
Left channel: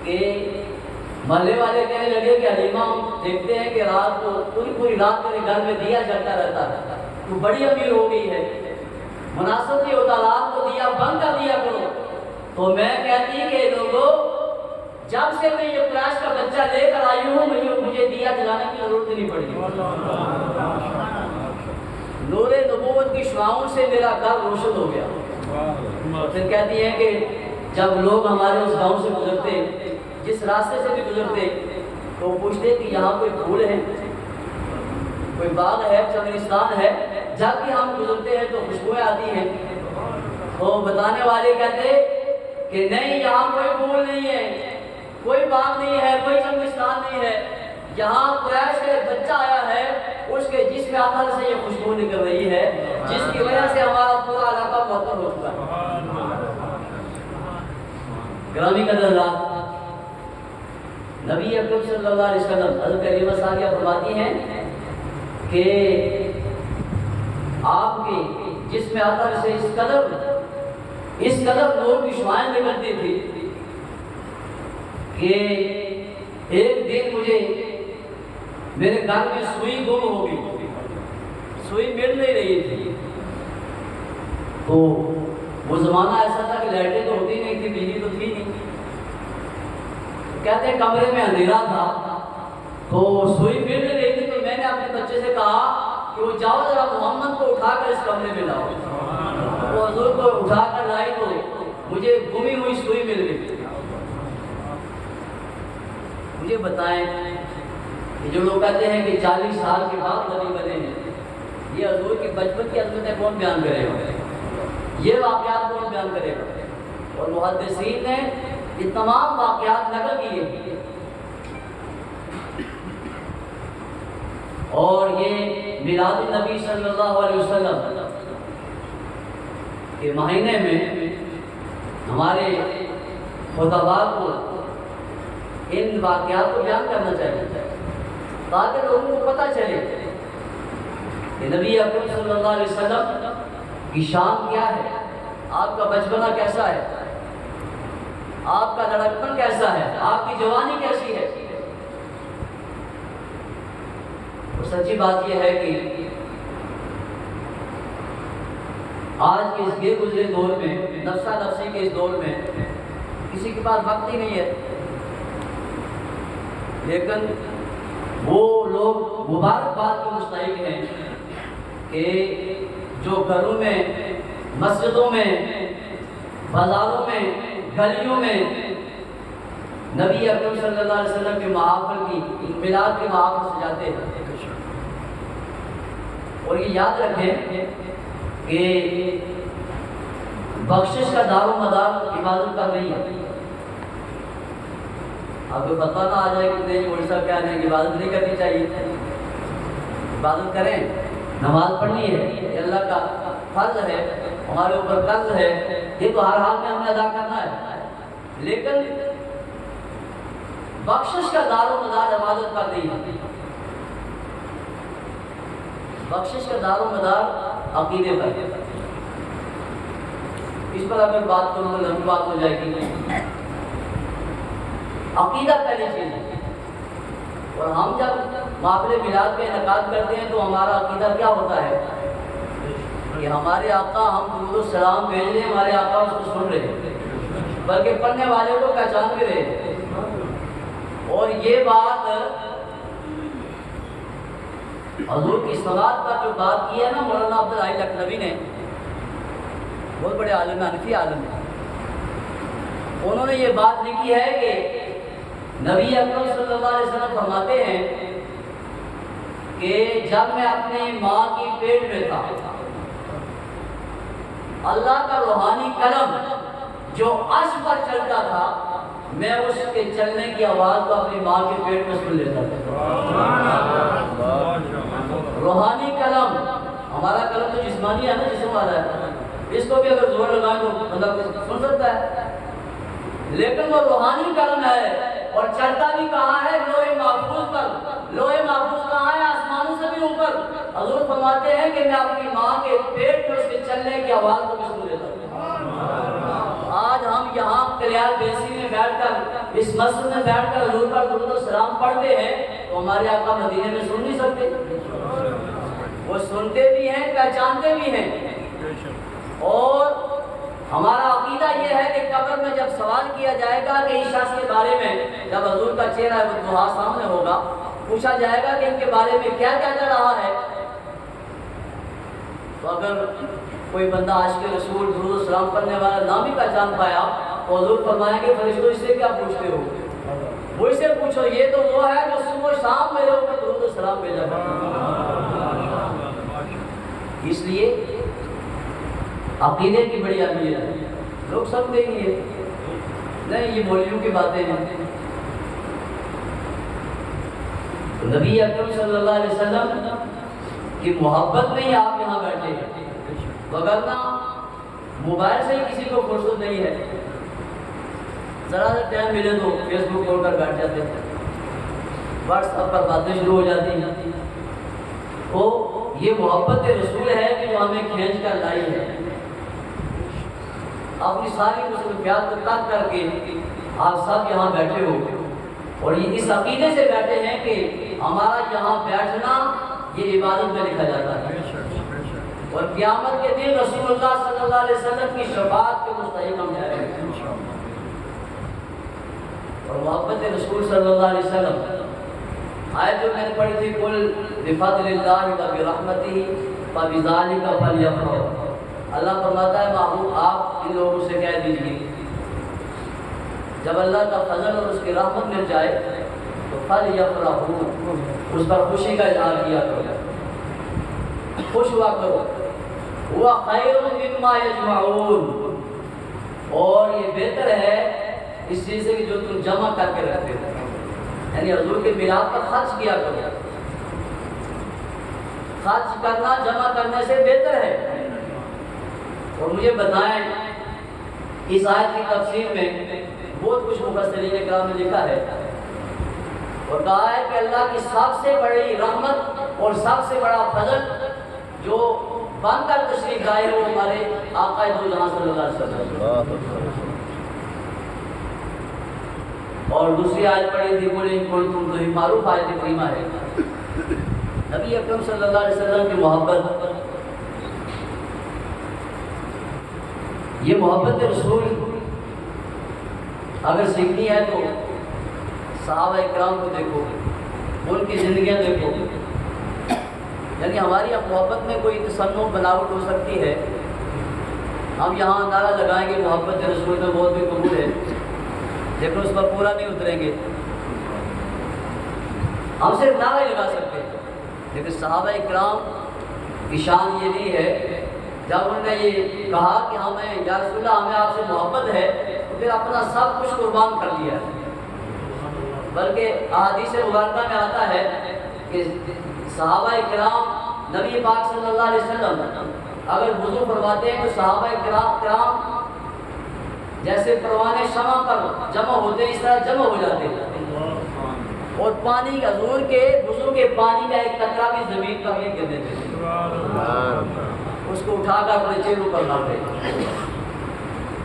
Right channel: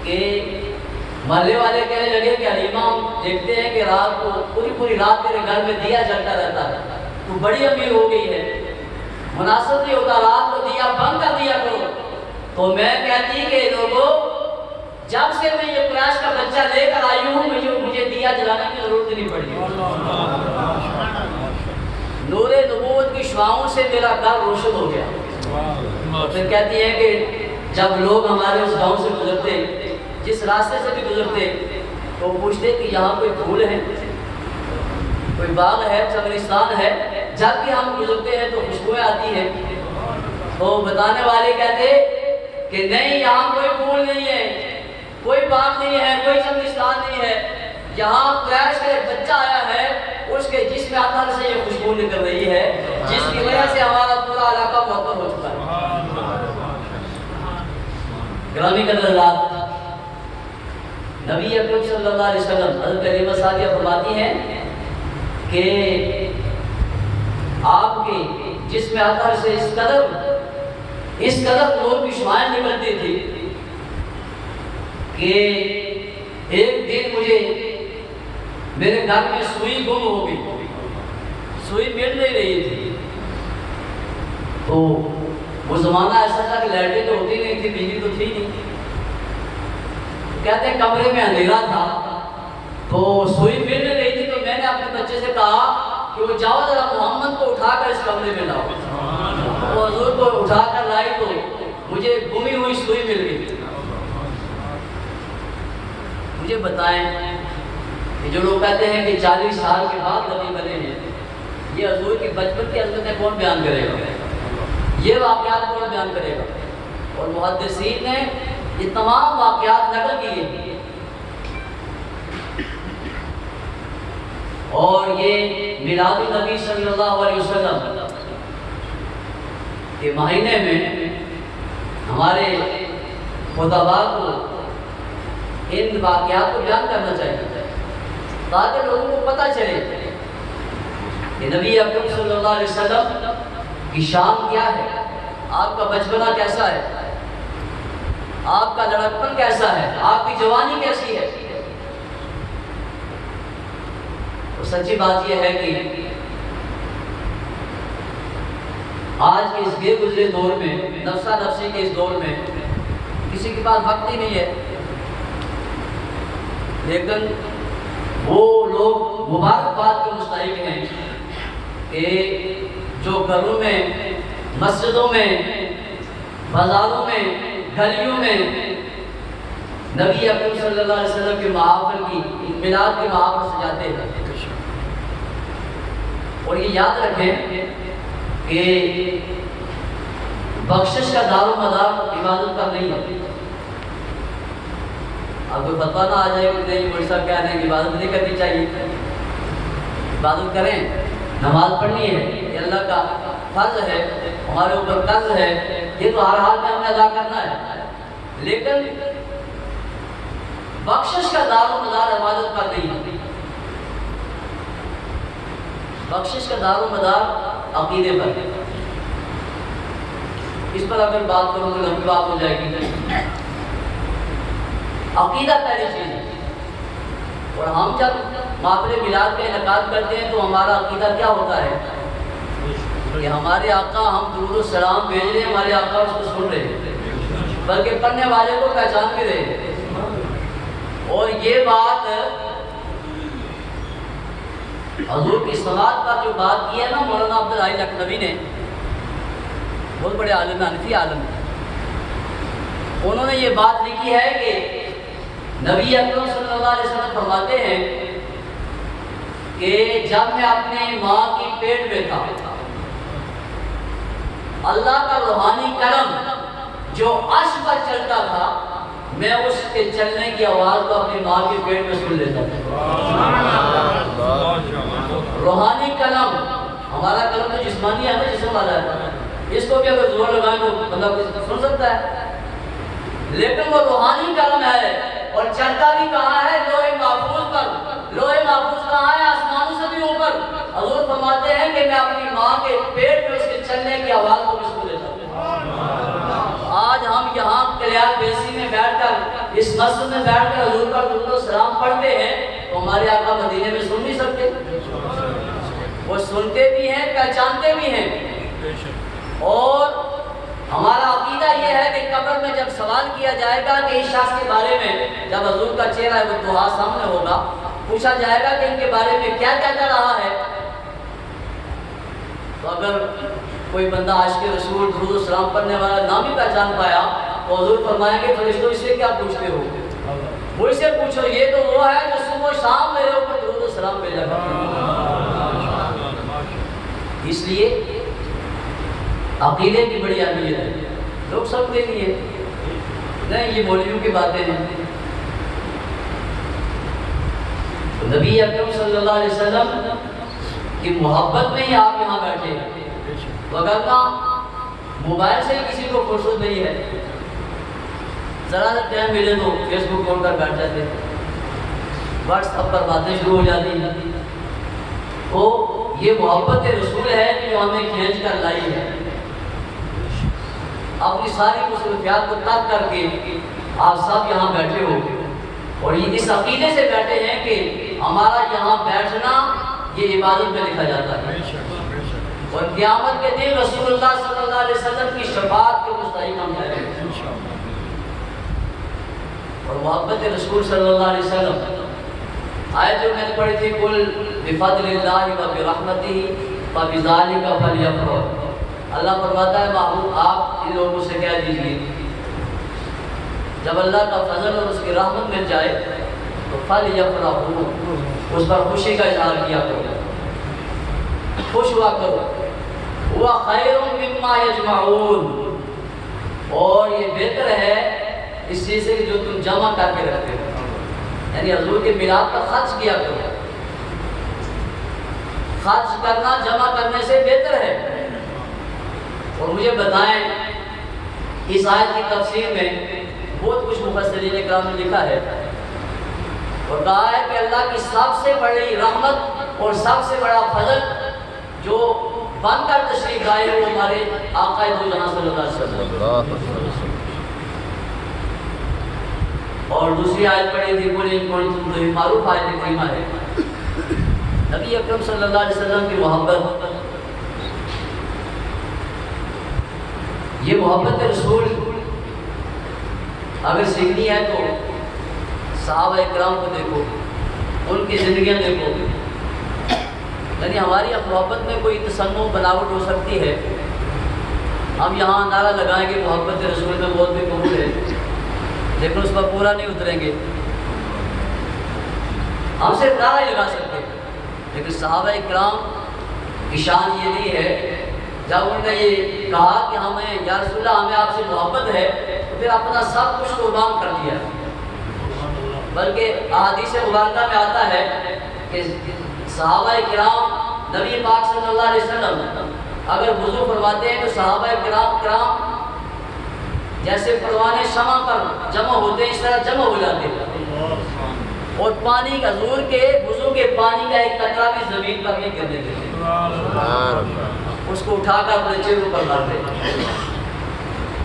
کہ محلے والے کہنے لگے کہ حلیمہ ہم دیکھتے ہیں کہ رات کو پوری رات تیرے گھر میں دیا جلتا رہتا ہے، تو بڑی امیر ہو گئی ہے، مناسب نہیں ہوتا رات کو دیا بند کر دیا کرو۔ تو میں کہتی کہ لوگوں جب سے میں یہ قریش کا بچہ لے کر آئی ہوں مجھے دیا جلانے کی ضرورت نہیں پڑی۔ نور نبوت کی شعاؤں سے میرا گھر روشن ہو گیا۔ اور پھر کہتی ہیں کہ جب لوگ ہمارے اس گاؤں سے گزرتے، جس راستے سے بھی گزرتے، تو پوچھتے کہ یہاں کوئی پھول ہے، کوئی باغ ہے، چمنستان ہے، جب بھی ہم گزرتے ہیں تو خوشبوئیں آتی ہیں۔ تو بتانے والے کہتے کہ نہیں، یہاں کوئی پھول نہیں ہے، کوئی باغ نہیں ہے، کوئی چمنستان نہیں ہے، یہاں قریش کا ایک بچہ آیا ہے، اس کے جسم اطہر سے یہ خوشبو نکل رہی ہے، جس کی وجہ سے ہمارا پورا علاقہ معطر ہو چکا ہے۔ گرامی قدر حضرات، نبی اکرم صلی اللہ علیہ وسلم حضرت کریمہ ثانیہ فرماتی ہیں کہ آپ کے جسم اطہر سے اس قدر نور کی شعاعیں نکلتی تھی کہ ایک دن مجھے میرے گھر میں سوئی گم ہو گئی، سوئی مل نہیں رہی تھی۔ تو وہ زمانہ ایسا تھا کہ لائٹیں تو ہوتی نہیں تھی، بجلی تو تھی نہیں، کہتے ہیں کمرے میں اندھیرا تھا، تو سوئی مل نہیں رہی تھی، تو میں نے اپنے بچے سے کہا کہ وہ جاؤ ذرا محمد کو اٹھا کر اس کمرے میں لاؤ۔ وہ حضور کو اٹھا کر لائی تو مجھے گمی ہوئی سوئی مل گئی۔ مجھے بتائیں کہ جو لوگ کہتے ہیں کہ 40 سال کے بعد نبی بنے ہیں، یہ حضور کی بچپن کی عظمتیں کون بیان کرے گا؟ یہ واقعات کون بیان کرے گا؟ اور محدثین نے یہ تمام واقعات نقل کیے، اور یہ میلاد النبی صلی اللہ علیہ وسلم کے مہینے میں ہمارے خطباء کو ان واقعات کو بیان کرنا چاہیے، تاکہ لوگوں کو پتہ چلے کہ نبی اکرم صلی اللہ علیہ وسلم کی شان کیا ہے، آپ کا بچپنا کیسا ہے، آپ کا لڑکپن کیسا ہے، آپ کی جوانی کیسی ہے۔ اور سچی بات یہ ہے کہ آج کے اس بے گزرے دور میں، نفسا نفسی کے اس دور میں کسی کے پاس وقت ہی نہیں ہے، لیکن وہ لوگ مبارکباد کے مستحق ہیں کہ جو گھروں میں، مسجدوں میں، بازاروں میں، گلیوں میں نبی اکرم صلی اللہ علیہ وسلم کے محافل کی، میلاد کے محافل سجاتے ہیں۔ اور یہ یاد رکھیں کہ بخشش کا دار و مدار عبادت کا نہیں ہے۔ اب کوئی فتویٰ نہ آ جائے کہ نہیں مولوی صاحب کہہ رہے ہیں کہ عبادت نہیں کرنی چاہیے، عبادت کریں، نماز پڑھنی ہے، یہ اللہ کا فرض ہے، ہمارے اوپر قرض ہے، یہ تو ہر حال میں ہمیں ادا کرنا ہے، لیکن بخشش کا دار و مدار عبادت پر نہیں ہے۔ بخشش کا دار و مدار عقیدے پر ہے۔ اس پر اگر بات کروں تو لمبی بات ہو جائے گی۔ عقیدہ پہلی چیز ہے، اور ہم جب محفل میلاد کا انعقاد کرتے ہیں تو ہمارا عقیدہ کیا ہوتا ہے کہ ہمارے آقا، ہم درود و سلام بھیج رہے ہیں، ہمارے آقا اس کو سن رہے ہیں، بلکہ پڑھنے والے کو پہچان بھی رہے ہیں۔ اور یہ بات حضور کی صلوات پر جو بات کی ہے نا مولانا عبدالحی لکھنوی نے، بہت بڑے عالم ہیں، حنفی عالم ہیں، انہوں نے یہ بات لکھی ہے کہ نبی اکرم صلی اللہ علیہ وسلم فرماتے ہیں کہ جب میں اپنے ماں کی پیٹ میں تھا، اللہ کا روحانی کلم جو عرش پر چلتا تھا، میں اس کے چلنے کی آواز کو اپنی ماں کے پیٹ میں سن لیتا تھا۔ روحانی کلم، ہمارا کلم تو جسمانی ہے نا، جسم والا ہے، اس کو بھی اگر زور لگائیں تو بندہ سن سکتا ہے، لیکن وہ روحانی کلم ہے، اور چلتا بھی کہاں ہے؟ لوح محفوظ پر۔ لوح محفوظ کہاں ہے؟ آسمانوں سے بھی اوپر۔ حضور فرماتے ہیں کہ میں اپنی ماں کے پیٹ میں اس کے چلنے کی آواز کو بھی سن لیتا ہوں۔ آج ہم یہاں کلیال بیسی میں بیٹھ کر اس مسجد میں بیٹھ کر حضور پر درود و سلام پڑھتے ہیں تو ہمارے آقا مدینے میں سن نہیں سکتے؟ وہ سنتے بھی ہیں، پہچانتے بھی ہیں۔ اور ہمارا عقیدہ یہ ہے کہ قبر میں جب سوال کیا جائے گا کہ اس شخص کے بارے میں، جب حضور کا چہرہ وہ دعا سامنے ہوگا، پوچھا جائے گا کہ ان کے بارے میں کیا کہتا رہا ہے، تو اگر کوئی بندہ عاشق رسول درود و سلام پڑھنے والا نام ہی پہچان پایا تو حضور فرمائیں گے فرشتوں اس سے کیا پوچھتے ہو؟ وہ اسے پوچھو، یہ تو وہ ہے جو صبح و شام میرے اوپر درود و سلام بھیجا کرتا ہے۔ اس لیے عقیدے کی بڑی اہمیت ہے۔ لوگ سمجھتے نہیں یہ مولویوں کی باتیں ہیں۔ نبی اکرم صلی اللہ علیہ وسلم کی محبت میں ہی آپ یہاں بیٹھے ہیں، وگرنہ موبائل سے ہی کسی کو فرصت نہیں ہے، ذرا سا ٹائم ملے تو فیس بک کھول کر بیٹھ جاتے ہیں، واٹس ایپ پر باتیں شروع ہو جاتی ہیں۔ تو یہ محبت رسول ہے کہ جو ہمیں کھینچ کر لائی ہے، اپنی ساری مصروفیات کو ترک کر کے آپ سب یہاں بیٹھے ہو، اور یہ اس عقیدے سے بیٹھے ہیں کہ ہمارا یہاں بیٹھنا یہ عبادت میں لکھا جاتا ہے، اور قیامت کے دن رسول اللہ صلی اللہ علیہ وسلم کی شفاعت کے مستحق ہم جائیں گے۔ اور محبت رسول صلی اللہ علیہ وسلم آیت جو میں نے پڑھی تھی، قل بفضل اللہ وبرحمتہ فبذلک فلیفرحوا، اللہ فرماتا ہے محبوب آپ ان لوگوں سے کہہ دیجئے جب اللہ کا فضل اور اس کی رحمت مل جائے تو فلیفرحوا، اس پر خوشی کا اظہار کیا کرو، خوش ہوا کرو، ہوا خیر مما یجمعون، اور یہ بہتر ہے اس چیز سے کہ جو تم جمع کر کے رکھتے ہو، یعنی حضور کے میلاد پر خرچ کیا کرو، خرچ کرنا جمع کرنے سے بہتر ہے۔ اور مجھے بتائیں اس آیت کی تفسیر میں بہت کچھ مفسرین کرام نے لکھا ہے، اور کہا ہے کہ اللہ کی سب سے بڑی رحمت اور سب سے بڑا فضل جو بن کر تشریف لائے وہ ہمارے آقا دو جہاں صلی اللہ علیہ وسلم۔ اور دوسری آیت پڑھی تھی قل ان کنتم تو یہ معروف آیت کریمہ ہے۔ نبی اکرم صلی اللہ علیہ وسلم کی محبت، یہ محبت رسول اگر سیکھنی ہے تو صحابہ اکرام کو دیکھو، ان کی زندگیاں دیکھو، یعنی ہماری محبت میں کوئی تصنع بناوٹ ہو سکتی ہے، ہم یہاں نعرہ لگائیں گے محبت رسول میں بہت بھی قبول ہے، لیکن اس پر پورا نہیں اتریں گے، ہم صرف نعرہ ہی لگا سکتے ہیں، لیکن صحابہ اکرام کی شان یہ نہیں ہے جب انہوں نے یہ کہا کہ ہمیں یا رسول اللہ ہمیں آپ سے محبت ہے تو پھر اپنا سب کچھ قربان کر دیا، بلکہ احادیث مبارکہ میں آتا ہے کہ صحابہ کرام نبی پاک صلی اللہ علیہ وسلم اگر وضو فرماتے ہیں تو صحابہ کرام جیسے پروانے شمع پر جمع ہوتے ہیں اس طرح جمع ہو جاتے ہیں، اور پانی حضور کے وضو کے پانی کا ایک قطرہ بھی زمین پر نہیں گر دیتے تھے، اس کو اٹھا کر اپنے چہرے پر ڈالتے،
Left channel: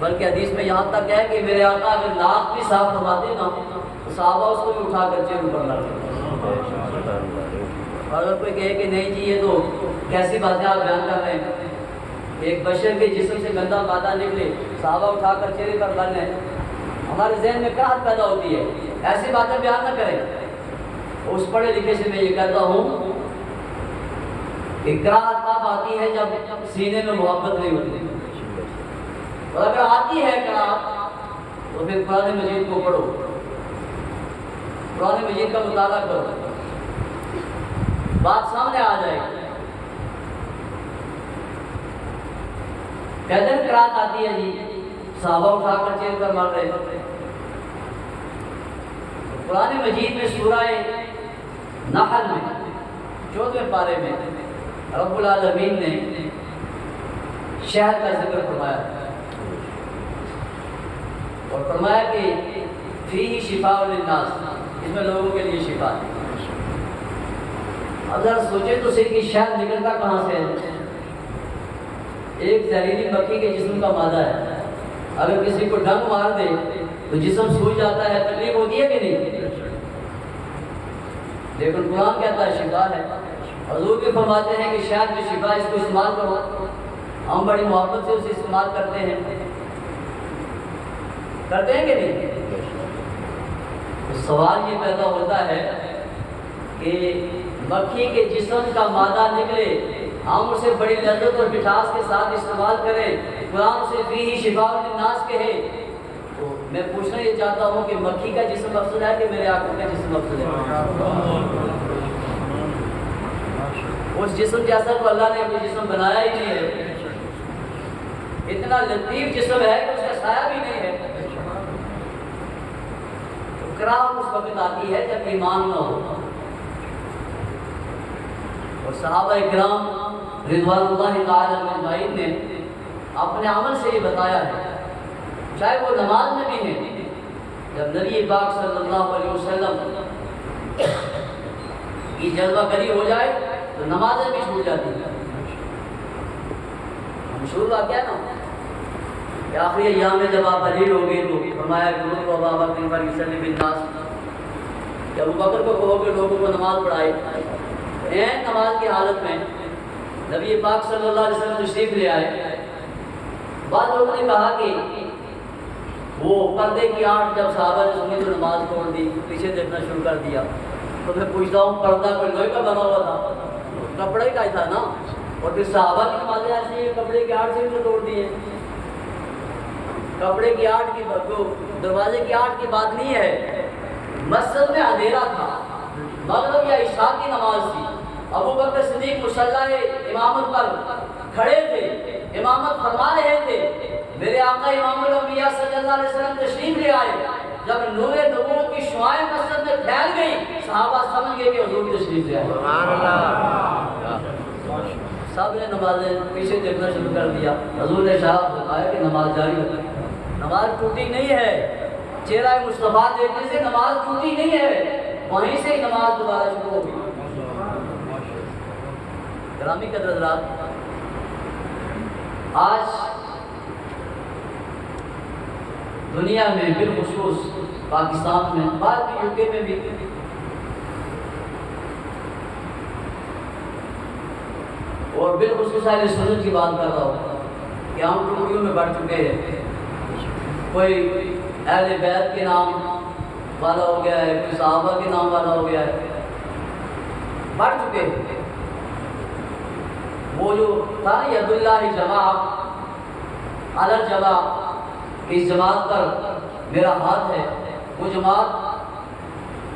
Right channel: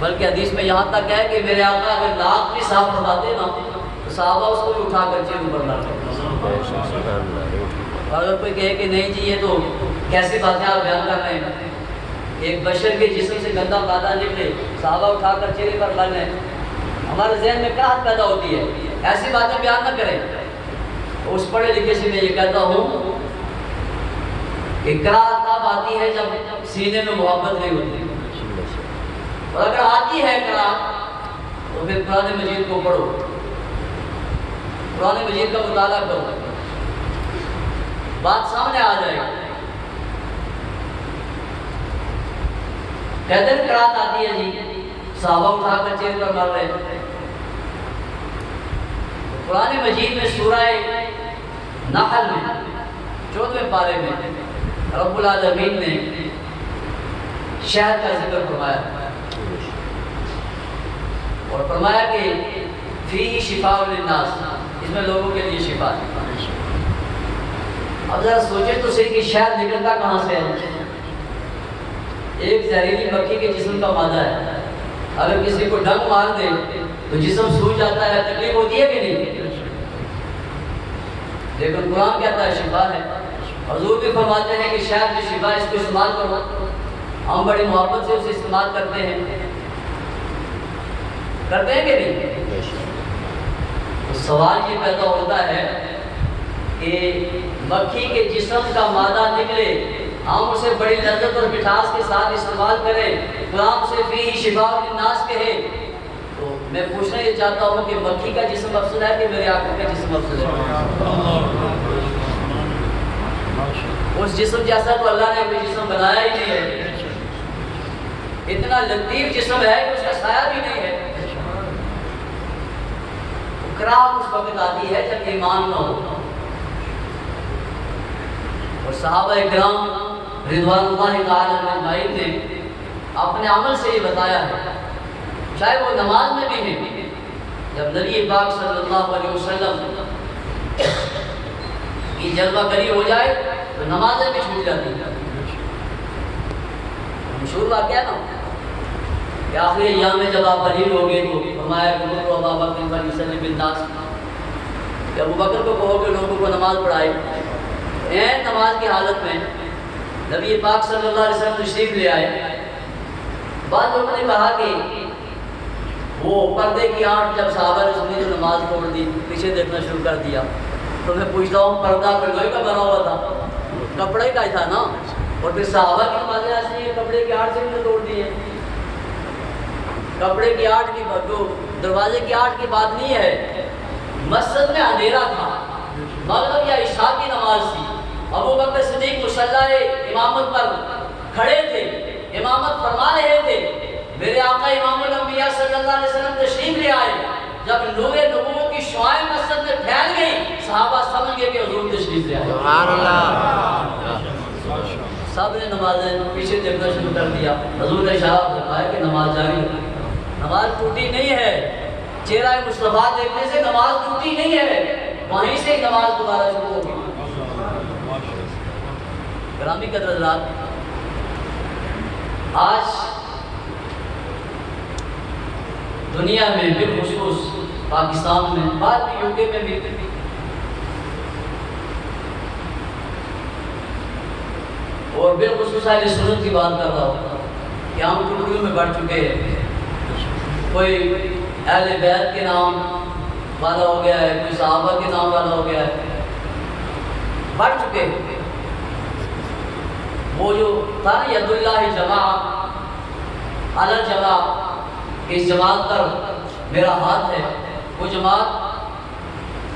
بلکہ حدیث میں یہاں تک ہے کہ میرے آقا اگر ناک بھی صاف فرماتے نا تو صحابہ اس کو بھی اٹھا کر چہرے پر ڈالتے۔ اور اگر کوئی کہے کہ نہیں جی یہ تو کیسی باتیں آپ بیان کر رہے ہیں، ایک بشر کے جسم سے گندا مادہ نکلے صحابہ اٹھا کر چہرے پر ڈال لیں، ہمارے ذہن میں کراہت پیدا ہوتی ہے، ایسی باتیں بیان نہ کریں۔ اس پڑھے لکھے سے میں یہ کہتا ہوں کہ کراہت تب آتی ہے جب سینے میں محبت نہیں ہوتی، اور اگر آتی ہے کراہت تو پھر قرآن مجید کو پڑھو، قرآن مجید کا مطالعہ کرو، بات سامنے آ جائے گی۔ کہتے ہیں کراہت آتی ہے جی صحابہ اٹھا کر چہرے پر مار رہے ہیں، قرآن مجید میں سورہ نحل میں 14ویں پارے میں رب العالمین نے شہد کا ذکر فرمایا، اور فرمایا کہ فیہ شفاء للناس، اس میں لوگوں کے لیے شفا ہے۔ اب ذرا سوچیں تو صحیح کہ شہد نکلتا کہاں سے ہے؟ ایک زہریلی مکھی کے جسم کا مادہ ہے، اگر کسی کو ڈنگ مار دے تو جسم سوج جاتا ہے، تکلیف ہوتی ہے کہ نہیں؟ لیکن قرآن کہتا ہے شفا ہے. حضور بھی فرماتے ہیں کہ شاید جو شفا اس کو استعمال کرو. ہم بڑی محبت سے اسے استعمال کرتے ہیں کہ نہیں؟ تو سوال یہ پیدا ہوتا ہے کہ مکھی کے جسم کا مادہ نکلے، ہم اسے بڑی لذت اور مٹھاس کے ساتھ استعمال کریں، قرآن سے فیہ شفاء للناس کہے، تو میں پوچھنا یہ چاہتا ہوں کہ مکھی کا جسم افضل ہے کہ میرے آقا کا جسم افضل ہے؟ اس جسم جیسا تو اللہ نے کوئی جسم بنایا ہی نہیں ہے. اتنا لطیف جسم ہے کہ اس کا سایہ بھی نہیں ہے. اکرام اس وقت آتی ہے جب ایمان نہ ہو. اور صحابہ اکرام رضوان اللہ تعالی اجمعین نے اپنے عمل سے یہ بتایا ہے، چاہے وہ نماز میں بھی ہیں. جب نبی پاک صلی اللہ علیہ وسلم کی جلوہ گری ہو جائے تو نمازیں بھی چھوٹ جاتی ہیں. مشہور واقعہ نا کہ آخری ایام میں جب آپ دلیل ہو گئے تو فرمایا کہ لوگ ابا بکر فلیصلی بالناس، کہ ابو بکر کو کہو کہ لوگوں کو نماز پڑھائے. این نماز کی حالت میں نبی پاک صلی اللہ علیہ وسلم تشریف لے آئے. بعض لوگوں نے کہا کہ وہ پردے کی آنٹ جب صحابہ نے سنی تو نماز توڑ دی، پیچھے دیکھنا شروع کر دیا. تو میں پوچھتا ہوں پردہ پھر لوہے کا بنا ہوا تھا، کپڑے کا ہی تھا نا، اور پھر صحابہ کی نمازیں ایسی ہیں کپڑے کی آڑ سے بھی توڑ دی ہیں. کپڑے کی آڑ کی جو دروازے کی آڑ کی بات نہیں ہے، مسجد میں اندھیرا تھا، مغرب یا عشاء کی نماز تھی. ابو بکر صدیق مصلی امامت پر کھڑے تھے، امامت فرما رہے تھے. میرے آقا امام الانبیاء صلی اللہ علیہ وسلم تشریف لے آئے. جب نور نبوت کی شعائیں مسجد میں پھیل گئی، صحابہ سمجھ گئے کہ حضور تشریف لے آئے. سب نے نمازیں پیچھے دیکھنا شروع کر دیا. حضور نے اشارہ فرمایا کہ نماز جاری رکھو. نماز ٹوٹی نہیں ہے، چہرہ مصطفیٰ دیکھنے سے نماز ٹوٹی نہیں ہے، وہیں سے نماز دوبارہ شروع ہوگی. گرامی قدر حضرات، آج دنیا میں بالخصوص پاکستان میں، بعد بھی یو کے میں بھی، اور بالخصوص اہل سنت کی بات کر رہا ہوں کہ ہم ٹکڑیوں میں بڑھ چکے ہیں. کوئی اہل بیت کے نام والا ہو گیا ہے، کوئی صحابہ کے نام والا ہو گیا ہے، بڑھ چکے ہیں. وہ جو تھا نا ید اللہ جماع علی جماع، اس جماعت پر میرا ہاتھ ہے، وہ جماعت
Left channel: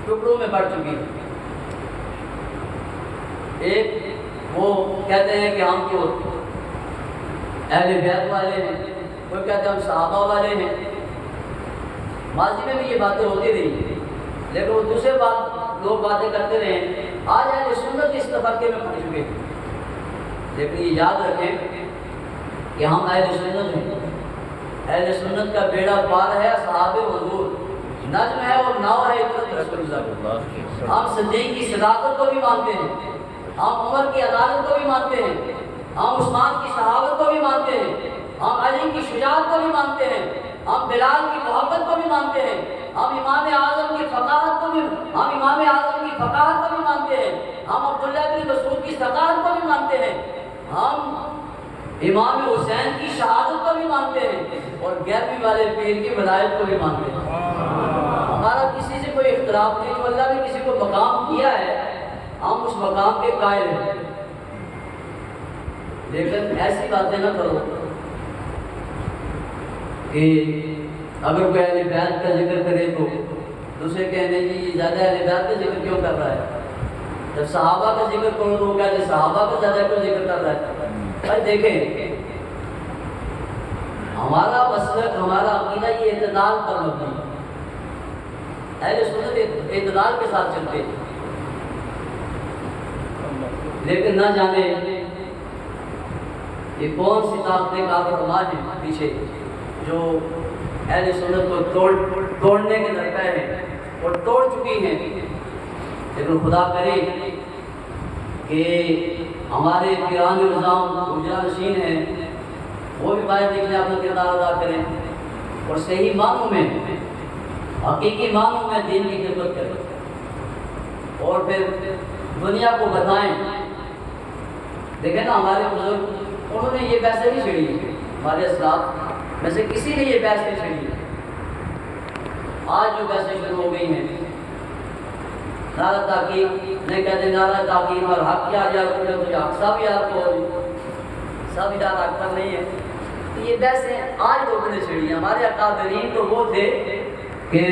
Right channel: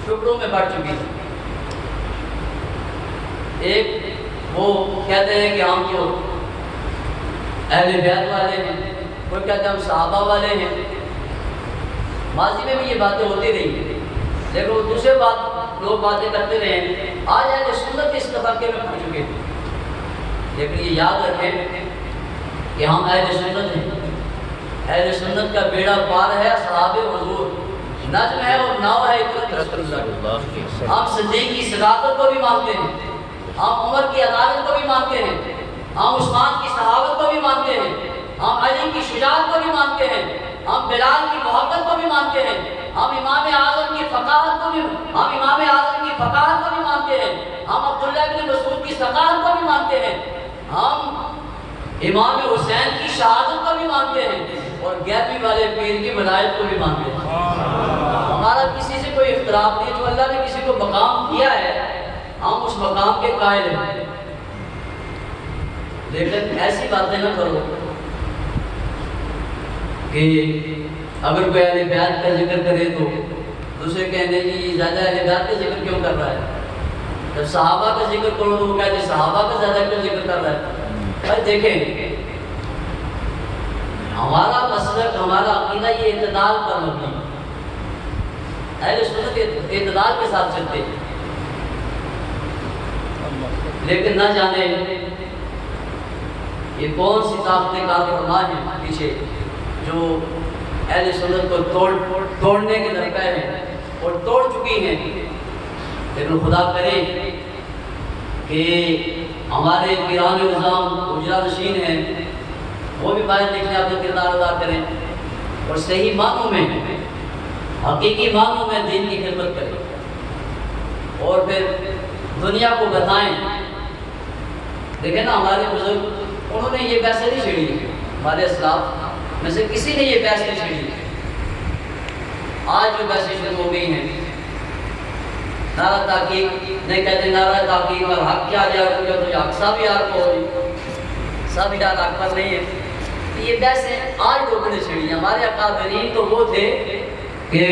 ٹکڑوں میں بڑھ چکی ہے. ایک وہ کہتے ہیں کہ ہم جو اہل بیت والے ہیں، کوئی کہتے ہیں ہم صحابہ والے ہیں. ماضی میں بھی یہ باتیں ہوتی رہی، لیکن وہ دوسرے لوگ باتیں کرتے رہے. آج اہل سنت اس تفرقے میں پڑ چکے ہیں. لیکن یہ یاد رکھیں کہ ہم اہل سنت ہیں. اہل سنت کا بیڑا پار ہے اصحاب حضور، نجم ہے اور ناو ہے اطرت رسول اللہ. ہم صدیق کی صداقت کو بھی مانتے ہیں، ہم عمر کی عدالت کو بھی مانتے ہیں، ہم عثمان کی صحابت کو بھی مانتے ہیں، ہم علی کی شجاعت کو بھی مانتے ہیں، ہم بلال کی محبت کو بھی مانتے ہیں، ہم امام اعظم کی فقاہت کو بھی مانتے ہیں، ہم عبداللہ بن مسعود کی ثقافت کو بھی مانتے ہیں، ہم امام حسین کی شہادت کو بھی مانتے ہیں، اور گیارہویں والے پیر کی ولایت کو بھی مانتے ہیں. ہمارا کسی سے کوئی اختلاف نہیں. جو اللہ نے کسی کو مقام دیا ہے ہم اس مقام کے قائل ہیں. لیکن ایسی باتیں نہ کرو کہ اگر کوئی اہل بیت کا ذکر کرے تو دوسرے کہنے جی زیادہ اہل بیت کا ذکر کیوں کر رہا ہے. جب صحابہ کا ذکر کرو تو وہ کہتے صحابہ کا زیادہ کیوں ذکر کر رہا ہے. بھائی دیکھیں، ہمارا مسلک، ہمارا عقیدہ یہ اعتدال پر مبنی ہے. اہل سنت اعتدال کے ساتھ چلتے ہیں. لیکن نہ جانے یہ کون سی طاقتیں کار فرما ہیں پیچھے جو اہل سنت کو توڑنے کے درپے ہیں اور توڑ چکی ہیں. لیکن خدا کرے کہ ہمارے پیران نظام گجرا نشین ہیں، وہ بھی باہر نکلے اپنا کردار ادا کریں اور صحیح معنوں میں حقیقی معنوں میں دین کی خدمت کریں اور پھر دنیا کو بتائیں. دیکھیں نا ہمارے بزرگ انہوں نے یہ بحث نہیں چھیڑی. ہمارے اسلاف میں سے کسی نے یہ بحث نہیں چھیڑی. آج جو بحثیں شروع ہو گئی ہیں نعرہ تحقیق نہیں کہتے نعرہ تحقیق اور حق کیا جائے تو حق سب یار کو سب یار حق پر نہیں ہے. یہ بحثیں آج لوگوں نے چھیڑی. ہمارے اکابرین تو وہ تھے کہ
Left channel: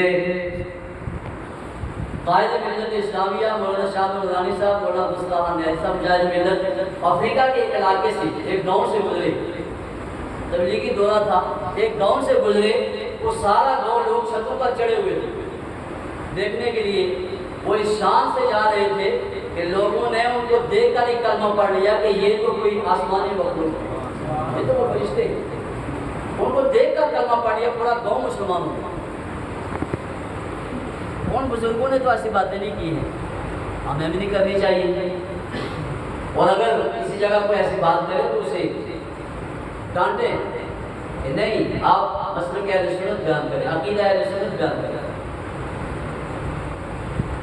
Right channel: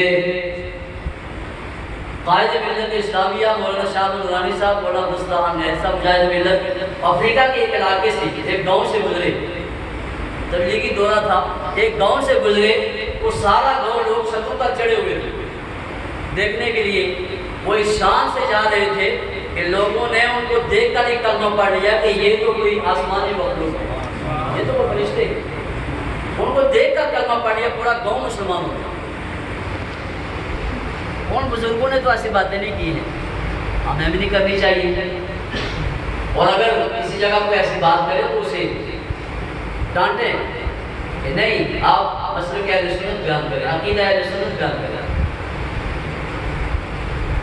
قائد ملت اسلامیہ مولانا شاہ نورانی صاحب مولانا مصطفیٰ نیت صاحب مجاہد ملت افریقہ کے ایک علاقے سے ایک گاؤں سے گزرے. تبلیغی دورہ تھا. ایک گاؤں سے گزرے. وہ سارا گاؤں لوگ چھتوں پر چڑھے ہوئے تھے دیکھنے کے لیے. وہ اس شان سے جا رہے تھے کہ لوگوں نے ان کو دیکھ کر ہی کلمہ پڑھ لیا کہ یہ تو کوئی آسمانی مخلوق ہے, یہ تو وہ فرشتے ہیں. ان کو دیکھ کر کلمہ پڑھ لیا. پورا گاؤں مسلمان ہو گیا. ان بزرگوں نے تو ایسی باتیں نہیں کی ہیں, ہمیں بھی نہیں کرنی چاہیے. اور اگر کسی جگہ کوئی ایسی بات کرے تو اسے ڈانٹیں کہ نہیں آپ مسلک اہل سنت بیان کریں, عقیدہ اہل سنت بیان کریں.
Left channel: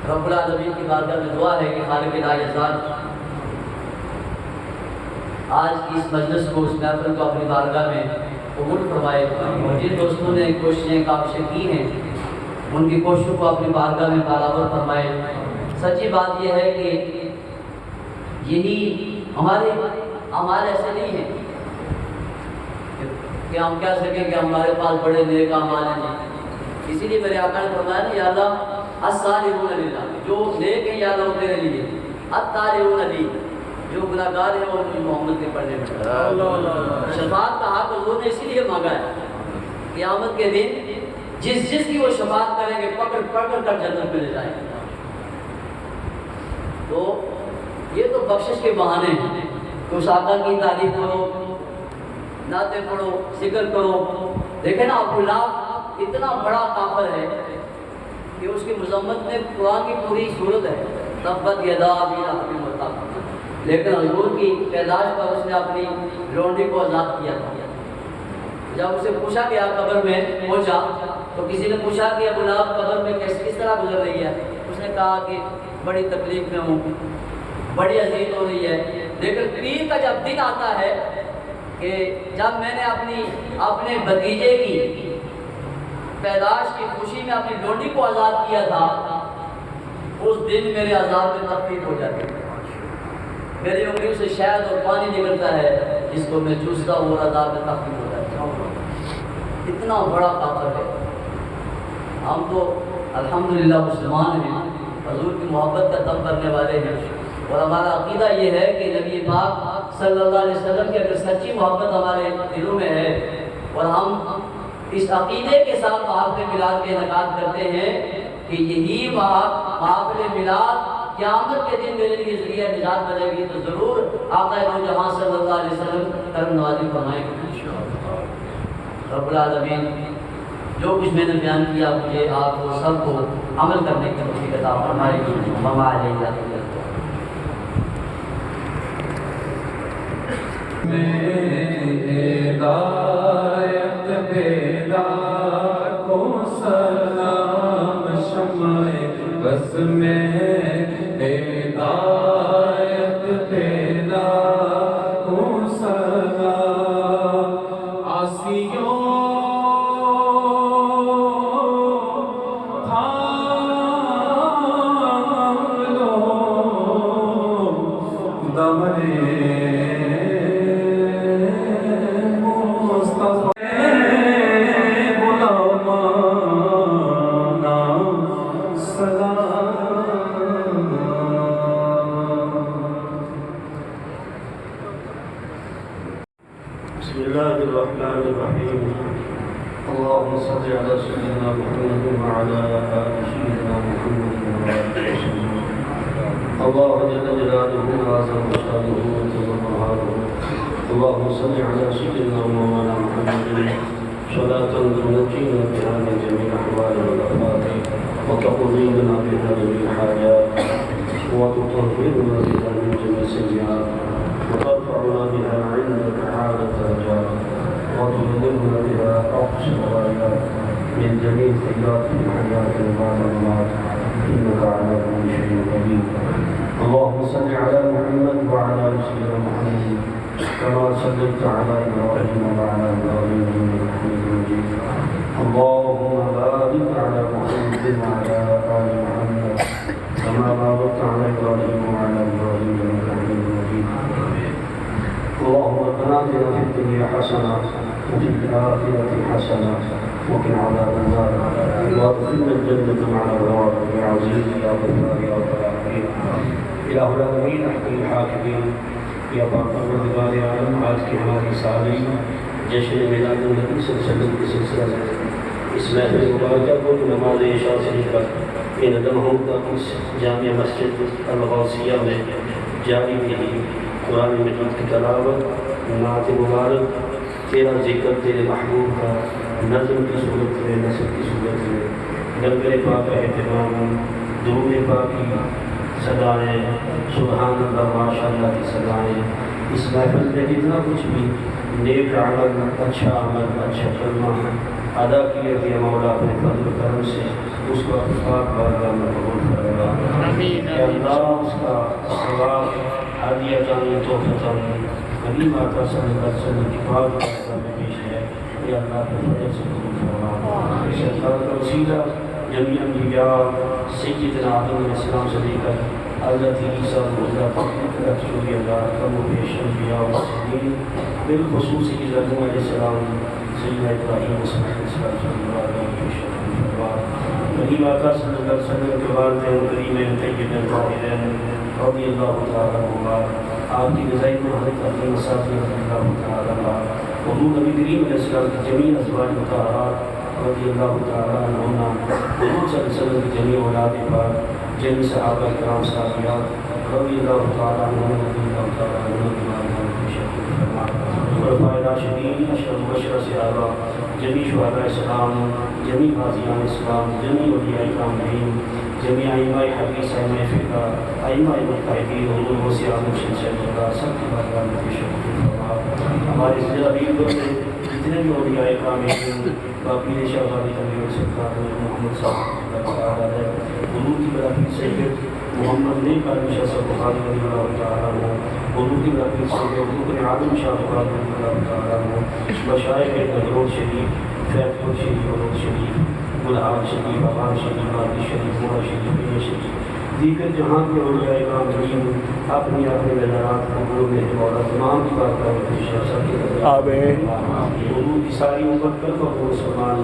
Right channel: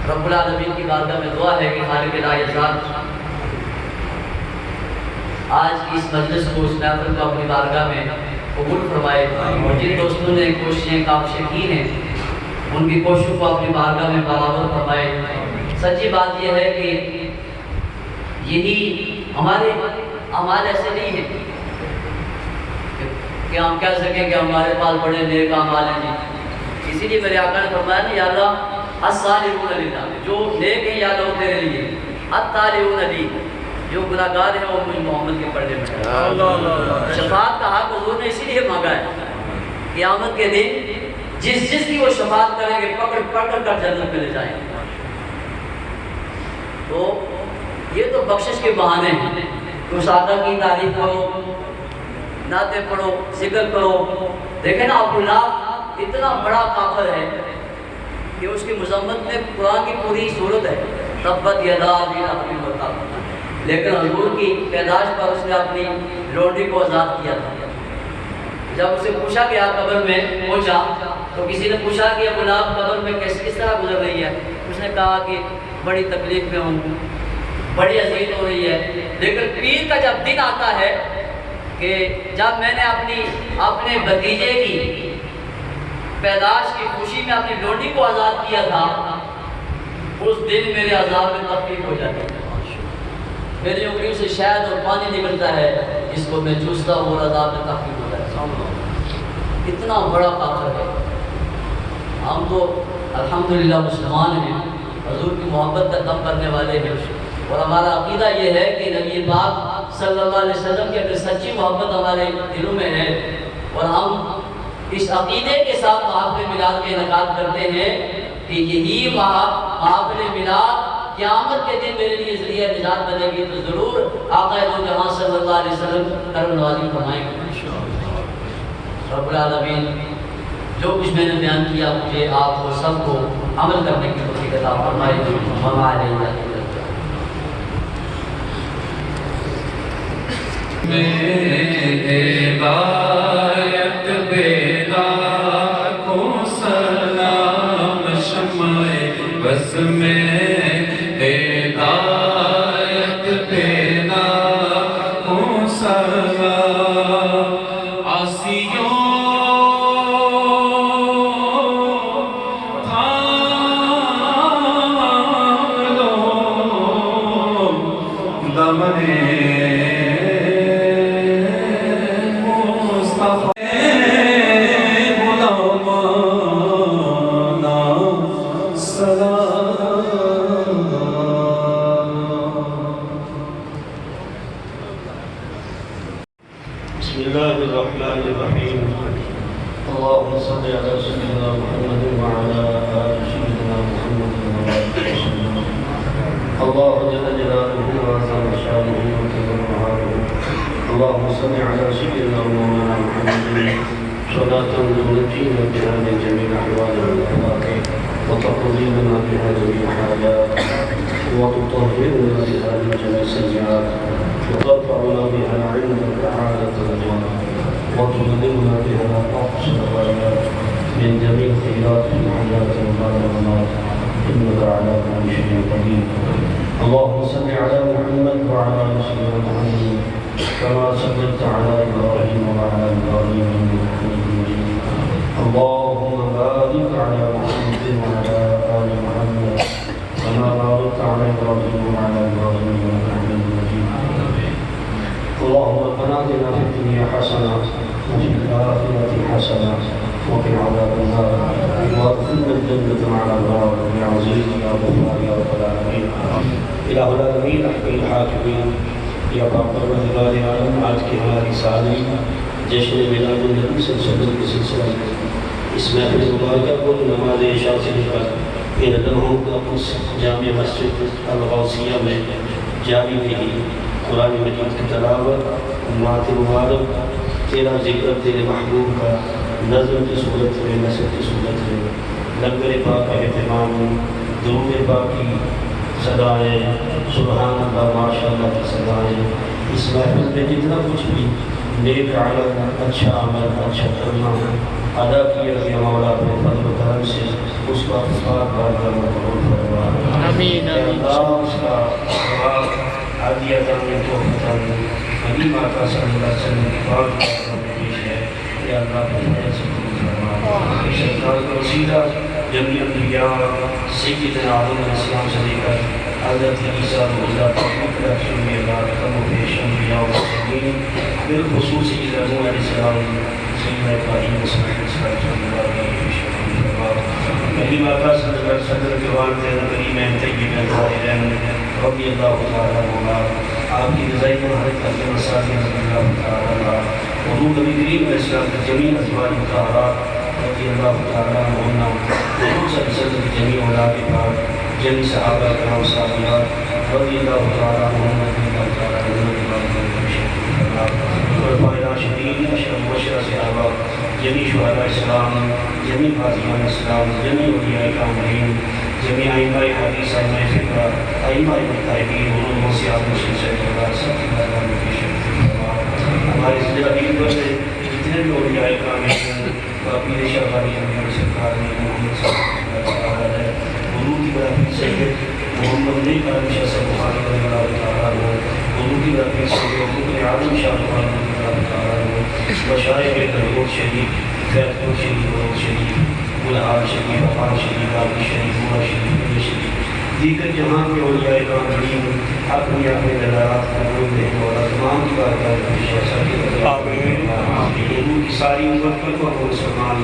رب العالمین کی بارگاہ میں دعا ہے کہ خالق لا یزال آج کی اس مجلس کو اس محفل کو اپنی بارگاہ میں قبول فرمائے. اور جن دوستوں نے کوششیں کاوشیں کی ہیں ان کی کوششوں کو اپنی بارگاہ میں برابر فرمائے. سچی بات یہ ہے کہ یہی ہمارے اعمال ایسے نہیں ہیں کہ ہم کہہ سکیں کہ ہمارے پاس بڑے نیک اعمال ہیں. جی اسی لیے میرے آقا نے فرمایا نا یا اللہ الصالحون للہ, جو نیک ہیں یا اللہ تیرے لیے, الطالعون لی, جو گناہگار ہیں وہ مجھ محمد کے پردے میں ڈالے. شفاعت کا حق حضور نے اسی لیے مانگا ہے. قیامت کے دن جس جس کی وہ شفاعت کریں گے پکڑ پکڑ کر جنت میں لے جائیں گے. تو یہ تو بخشش کے بہانے ہیں. تو آقا کی تعریف کرو, نعتیں پڑھو, ذکر کرو. دیکھیں نا عبداللہ اتنا بڑا کافر ہے کہ اس کی مذمت میں قرآن کی پوری صورت ہے تبت یدا ابی لہب وتب, لیکن حضور کی پیدائش پر اس نے اپنی لونڈی کو آزاد کیا تھا. جب اسے پوچھا گیا قبر میں پہنچا تو کسی نے پوچھا کہ ابو لہب قبر میں کس طرح گزر رہی ہے. اس نے کہا کہ بڑی تکلیف میں ہوں, بڑی اذیت ہو رہی ہے. لیکن پیر کا جب دن آتا ہے کہ جب میں نے اپنے بھتیجے کی پیدائش کی خوشی میں اپنی لونڈی کو آزاد کیا تھا, اس دن میرے عذاب میں تخفیف ہو جاتی ہے. میری انگلیوں سے شہد اور پانی نکلتا ہے جس کو میں چوستا ہوں اور عذاب میں تخفیف ہو جاتا ہے. اتنا بڑا کافر ہے. ہم تو الحمدللہ مسلمان ہیں, حضور کی محبت کا دم کرنے والے ہیں. اور ہمارا عقیدہ یہ ہے کہ نبی پاک صلی اللہ علیہ وسلم کی اگر سچی محبت ہمارے دلوں میں ہے اور ہم اس عقیدے کے ساتھ محافل میلاد کے انعقاد کرتے ہیں کہ یہی محافل میلاد قیامت کے دن میرے لیے ذریعہ نجات بنے گی, تو ضرور آقا دو جہاں صلی اللہ علیہ وسلم کرم نوازی فرمائیں گے. رب العالمین جو کچھ میں نے بیان کیا مجھے آپ کو سب کو عمل کرنے کی توفیق عطا فرمائے. وما علینا الا البلاغ. ہدایت بیلا کو سلام شمع بس میں ہدایت بیلا کو سلام آسیوں تھام لو دمنے بسم الله الرحمن الرحيم. اللهم صل على سيدنا محمد وعلى آل سيدنا محمد وسلم. الله جل جلاله وعظم شانه وكبر وعاله. اللهم صل على سيدنا مولانا محمد صلاة تنجينا بها من جميع الأحوال والآفات وتقضي لنا بها جميع الحاجات وتطهرنا بها من جميع السيئات وترفعنا بها عندك أعلى الدرجات وتبلغنا بها أقصى الغايات من جميع الخيرات في الحياة وبعد الممات إنك على كل شيء قدير. اللهم صل على محمد وعلى آل سيدنا محمد كما صليت على إبراهيم وعلى إبراهيم إنك حميد مجيد. اللهم بارك على محمد وعلى آل محمد كما باركت على إبراهيم وعلى إبراهيم إنك حميد مجيد. اللهم ربنا آتنا في الدنيا حسنة وفي الآخرة حسنة وقنا عذاب النار وادخلنا الجنة مع الأبرار يا عزيز يا غفار يا رب العالمين. الہ العالمین احکم الحاکمین یا پروردگار عالم، آج کی ہماری سالری جشن میلاد النبی صلی اللہ علیہ وسلم کے سلسلہ میں اس محفل مبارکہ کو نماز عشاء سے لے کر ان لمحوں کا اس جامع مسجد الغوثیہ میں جاری رہی قرآن مجید کی تلاوت، نعت مبارک، تیرا ذکر تیرے محبوب کا نظم کی صورت میں، نثر کی صورت میں، لنگر پاک کا اہتمام، درود پاک کی صدائیں، سبحان اللہ ماشاء اللہ کی صدائیں، اس محفل میں جتنا کچھ بھی نیک عمل، اچھا عمل، اچھا کرنا ادا کیا گیا مولا اپنے فضل و کرم سے اس کا اتفاق بارگاہ میں قبول فرما. اے اللہ اس کا ثواب عادیتاً توفیقاً حبیب آقا صلی اللہ علیہ وسلم کی پاک بارگاہ میں پیش ہے. اے اللہ اپنے فضل سے قبول فرما. شیطان کا وسیلہ جمیع انبیاء سیدنا آدم علیہ السلام سے لے کر حضرت عیسیٰ علیہ السلام کم و بیش انبیاء و مرسلین بالخصوص حضرت نوح علیہ السلام، سیدنا ابراہیم و اسماعیل علیہ السلام. کریم آقا صلی اللہ علیہ وسلم کے والدین کریمین طیبین طاہرین رضی اللہ تعالیٰ عنہ، آپ کی رضائی مہارت اپنے مساجد رضی اللہ تعالیٰ عنہ، حضور نبی کریم علیہ السلام کی جمیع ازواج مطہرات رضی اللہ تعالیٰ عنہ، حضور صلی اللہ علیہ وسلم کی جمیع اولاد پاک، جمیع صحابہ کرام صحابیات رضی اللہ تعالیٰ عنہ، رضی اللہ تعالیٰ عنہ، خلفائے راشدین، اشرف مبشرہ صحابہ، جمیع شہداء اسلام، جمیع غازیان اسلام، جمیع اولیاء کاملین، جمیع ائمہ حدیث، ائمہ فقہ، ائمہ مجتہدین، حضور غوث اعظم شیخ سید اللہ سب کی بارگاہ میں پیش فرما. ہمارے ضلع عیدگاہ میں جتنے بھی اولیاء کاملین پیر شاہ غازی امیر سرکار نے محمد صلی اللہ علیہ وسلم حضور کی برکت سے محمد نیک عالم شاہ سے بخاری رضی اللہ تعالیٰ عنہ، حضور کی برکت سے حضور عالم شاہ بخاری رضی اللہ تعالیٰ عنہ، مشائخ درود شریف، فیض پور شریف، ولود شریف، گلہار شریف، افان شریف، باقی شریف، مورا شریف، میر شریف، دیگر جہاں کے اولیاء کاملین اپنی اپنے للات قبول میں مولا تمام کی بارگاہ میں پیش ہے. سب کے حضور کی ساری امت پر کو مسلمان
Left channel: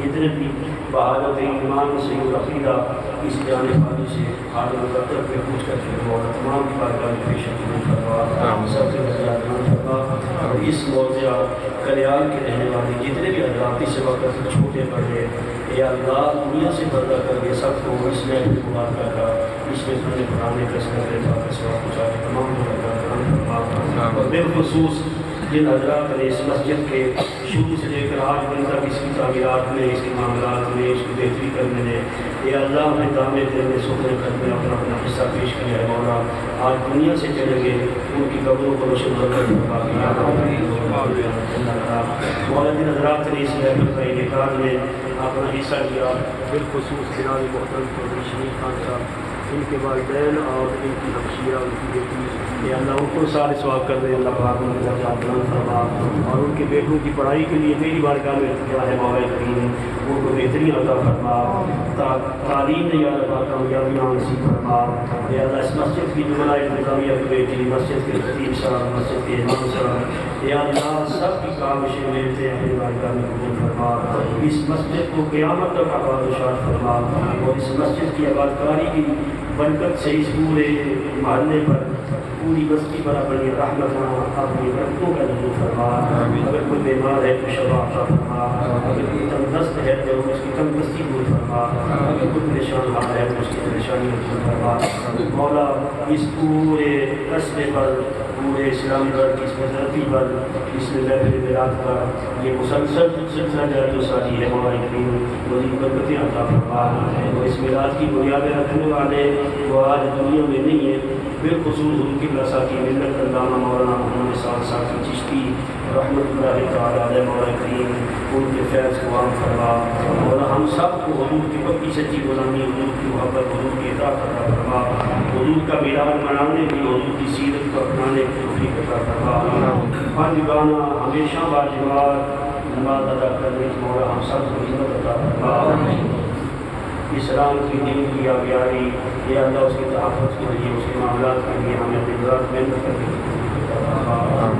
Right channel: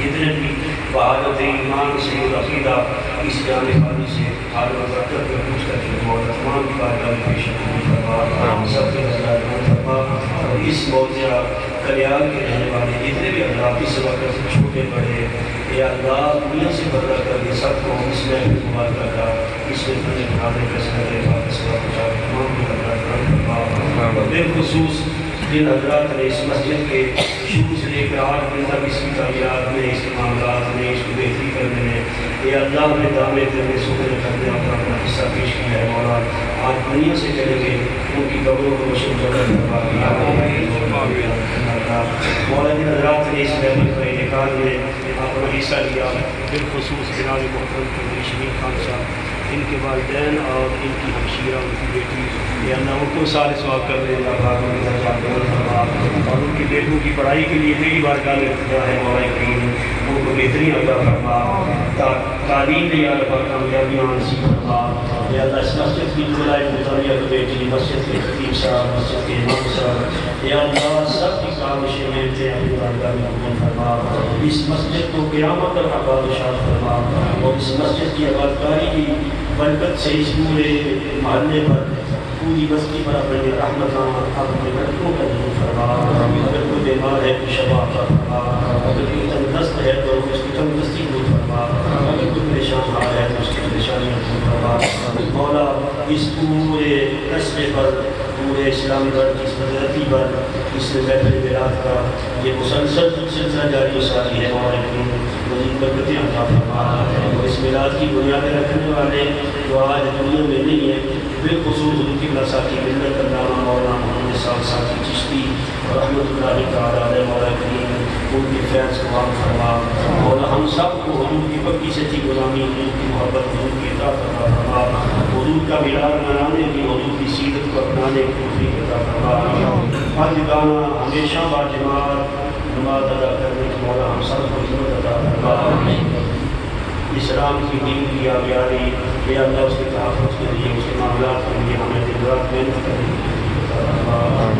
جتنے بھی بہادت ایمان سے عقیدہ اس جان خالی سے حال وقت کر کے پوچھ کر کے مولا تمام کی بارگاہ میں پیش فرما. سب کے رضا فرما. اس موضوع کلیال کے رہنے والے جتنے بھی حضرات اس وقت چھوٹے بڑے یا اللہ دنیا سے بدلا کر کے سب کو اس میں مبارکہ کا اس میں فن پڑھانے کا سکتے کا اس وقت تمام کو بالخصوص جن حضرات نے اس مسجد کے شروع سے لے کر آج دن تک اس کی تعمیرات میں، اس کے معاملات میں، اس کو بہتری کرنے میں یا اللہ نے دامے کرنے سکھنے کرنے اور اپنا حصہ پیش کیا ہے. مولا آپ دنیا سے چلیں گے ان کی قبروں کو روشن کرنا مولا جن حضرات نے اس محفل کا انعقاد میں اپنا حصہ لیا، بالخصوص جناب محترم چودھری شمیم خان صاحب، ان کے والدین اور ان کی ہمشیرہ، ان کی بیٹی، یا اللہ ان کو سارے ثواب کر رہے ہیں. اللہ پاک ان کا جان فرما اور ان کے بیٹوں کی پڑھائی کے لیے میری بارگاہ میں دعا ہے مولا کریم ان کو بہترین عطا فرما، تعلیم میں یا اللہ پاک کامیابیاں نصیب فرما. یا اللہ اس مسجد کی جملۂ مطالعہ کمیٹی، مسجد کے خطیب صاحب، مسجد کے امام صاحب، یا اللہ سب کی کاوشیں ملتے ہیں اپنی بارگاہ میں قبول فرما. اس مسجد کو قیامت تک آباد و شاد فرما اور اس مسجد کی آبادکاری کی برکت سے اس پورے محلے پر، پوری بستی پر اپنے رحمت اپنے بچوں کا نزول فرما. اگر کوئی بیمار ہے تو شفا عطا فرما، اگر کوئی تندرست ہے تو اس کی تندرستی دور فرما، اگر کوئی پریشان حال ہے تو اس کی پریشانیاں دور فرما. مولا اس پورے قصبے پر، پورے اسلامی ورد کی صدرتی پر، اس محفل میلاد کا یہ مسلسل سلسلہ جاری و ساری ہے. مولا کریم مزید برکتیں عطا فرما. اس میلاد کی بنیادیں رکھنے والے جو آج دنیا میں نہیں ہے، بالخصوص ان کی برساتی ملت علامہ مولانا محمد صاحب کی چشتی رحمۃ اللہ تعالیٰ علیہ. مولا کریم ان کے فیض کو عام فرما اور ہم سب کو حضور کی پکی سچی غلامی، حضور کی محبت، حضور کی اطاعت عطا فرما، حضور کا میلاد منانے کی، حضور کی سیرت کو اپنانے کی توفیق عطا فرما، واجبانہ ہمیشہ باجماعت نماز ادا کرنے کی مولا ہم سب کو ہمت عطا فرما، اسلام کی دین کی آبیاری یا اللہ اس کی تحفظ کے لیے، اس کے معاملات کے لیے ہمیں دن رات محنت کرنے کی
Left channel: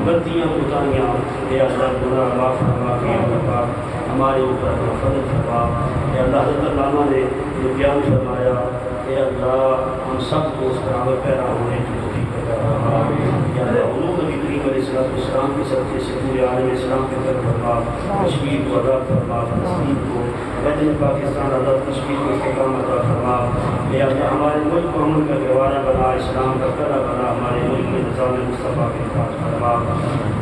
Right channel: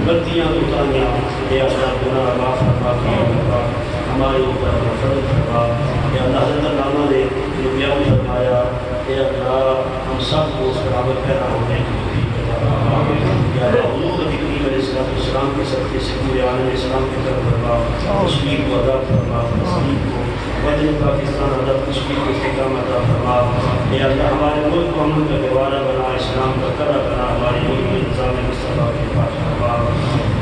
غلطیاں کوتاہیاں اے اللہ گناہ معاف فرما کے اللہ ہمارے اوپر اپنا فضل فرما، اے اللہ حضرت علامہ نے جو بیان فرمایا اے اللہ ہم سب کو اس پر عمل پیرا ہونے کی توفیق عطا فرما، یا اللہ حضور نبی کریم علیہ السلام کے صدقے سے پورے عالم اسلام کی طرف فرما، کشمیر کو آزاد فرما، فلسطین کو وطن پاکستان آزاد کشمیر کو استحکام عطا فرما، اے اللہ ہمارے ملک کو امن کا گہوارہ بنا، اسلام کا قلعہ بنا، ہمارے ملک میں نظام مصطفیٰ کی حفاظت فرما،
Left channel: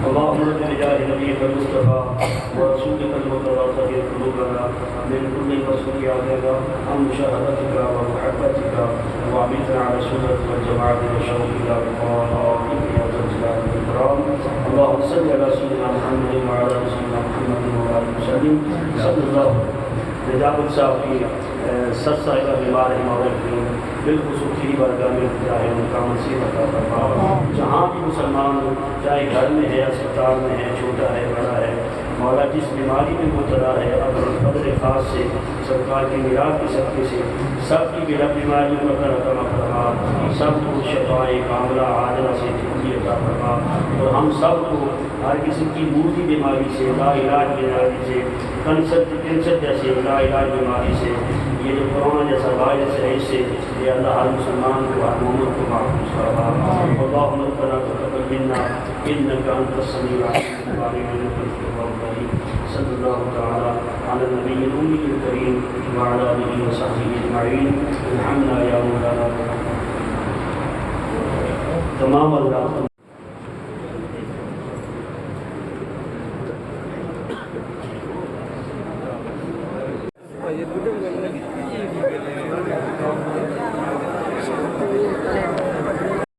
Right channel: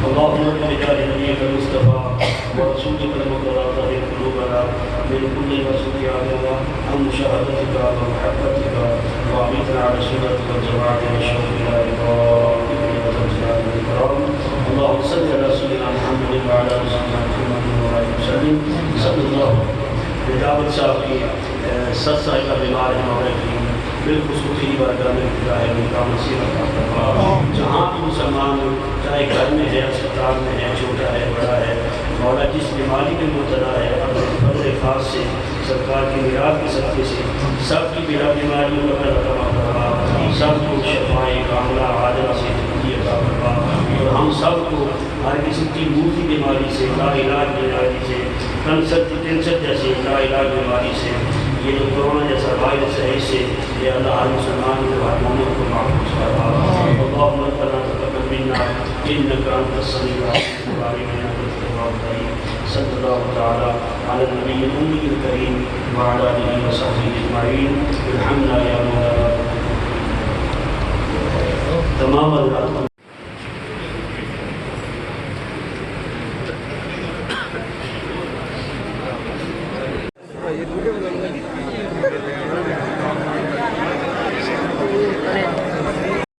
اللهم بجاه نبيك المصطفى ورسولك المرتضى طهر قلوبنا من كل مسوء عبادة عن مشاهدتك ومحبتك وعبيدنا على سنتك والجماعة والشوق إلى لقائك يا ذا الجلال والإكرام، اللهم صل على سيدنا محمد وعلى آل سيدنا محمد وعلى وسلم صلی اللہ نجابت صاحب کی 7 سال کا بیمار ہے مولا کریم بالخصوص ہی بارگاہ میں خدا ہے ان کا مسیح عطا فرما، جہاں بھی مسلمان چاہے گھر میں ہے، اسپتال میں ہے، چھوٹا ہے بڑا ہے، مولا جس بیماری میں مبتلا ہے اپنے فضل خاص سے سرکار کی میراث کے صدقے سے سب کی بلا بیماریوں کا عطا فرما، سب کو شفائے کاملہ عاجلہ سے زندگی عطا فرما، اور ہم سب کو ہر قسم کی موتی بیماری سے، لا علاج بیماری سے، کینسر جیسے لا علاج بیماری سے، یہ جو کرونا جیسا وائرس ہے اس سے یہ اللہ ہر مسلمان کو ہر مومن کو محفوظ فرما، اللهم ربنا تقبل منا انك انت السميع العليم وتب علينا انك انت التواب الرحيم، صلی اللہ تعالی علی النبی الامي الكريم وعلى اله وصحبه اجمعین، الحمد لله تمام اللہ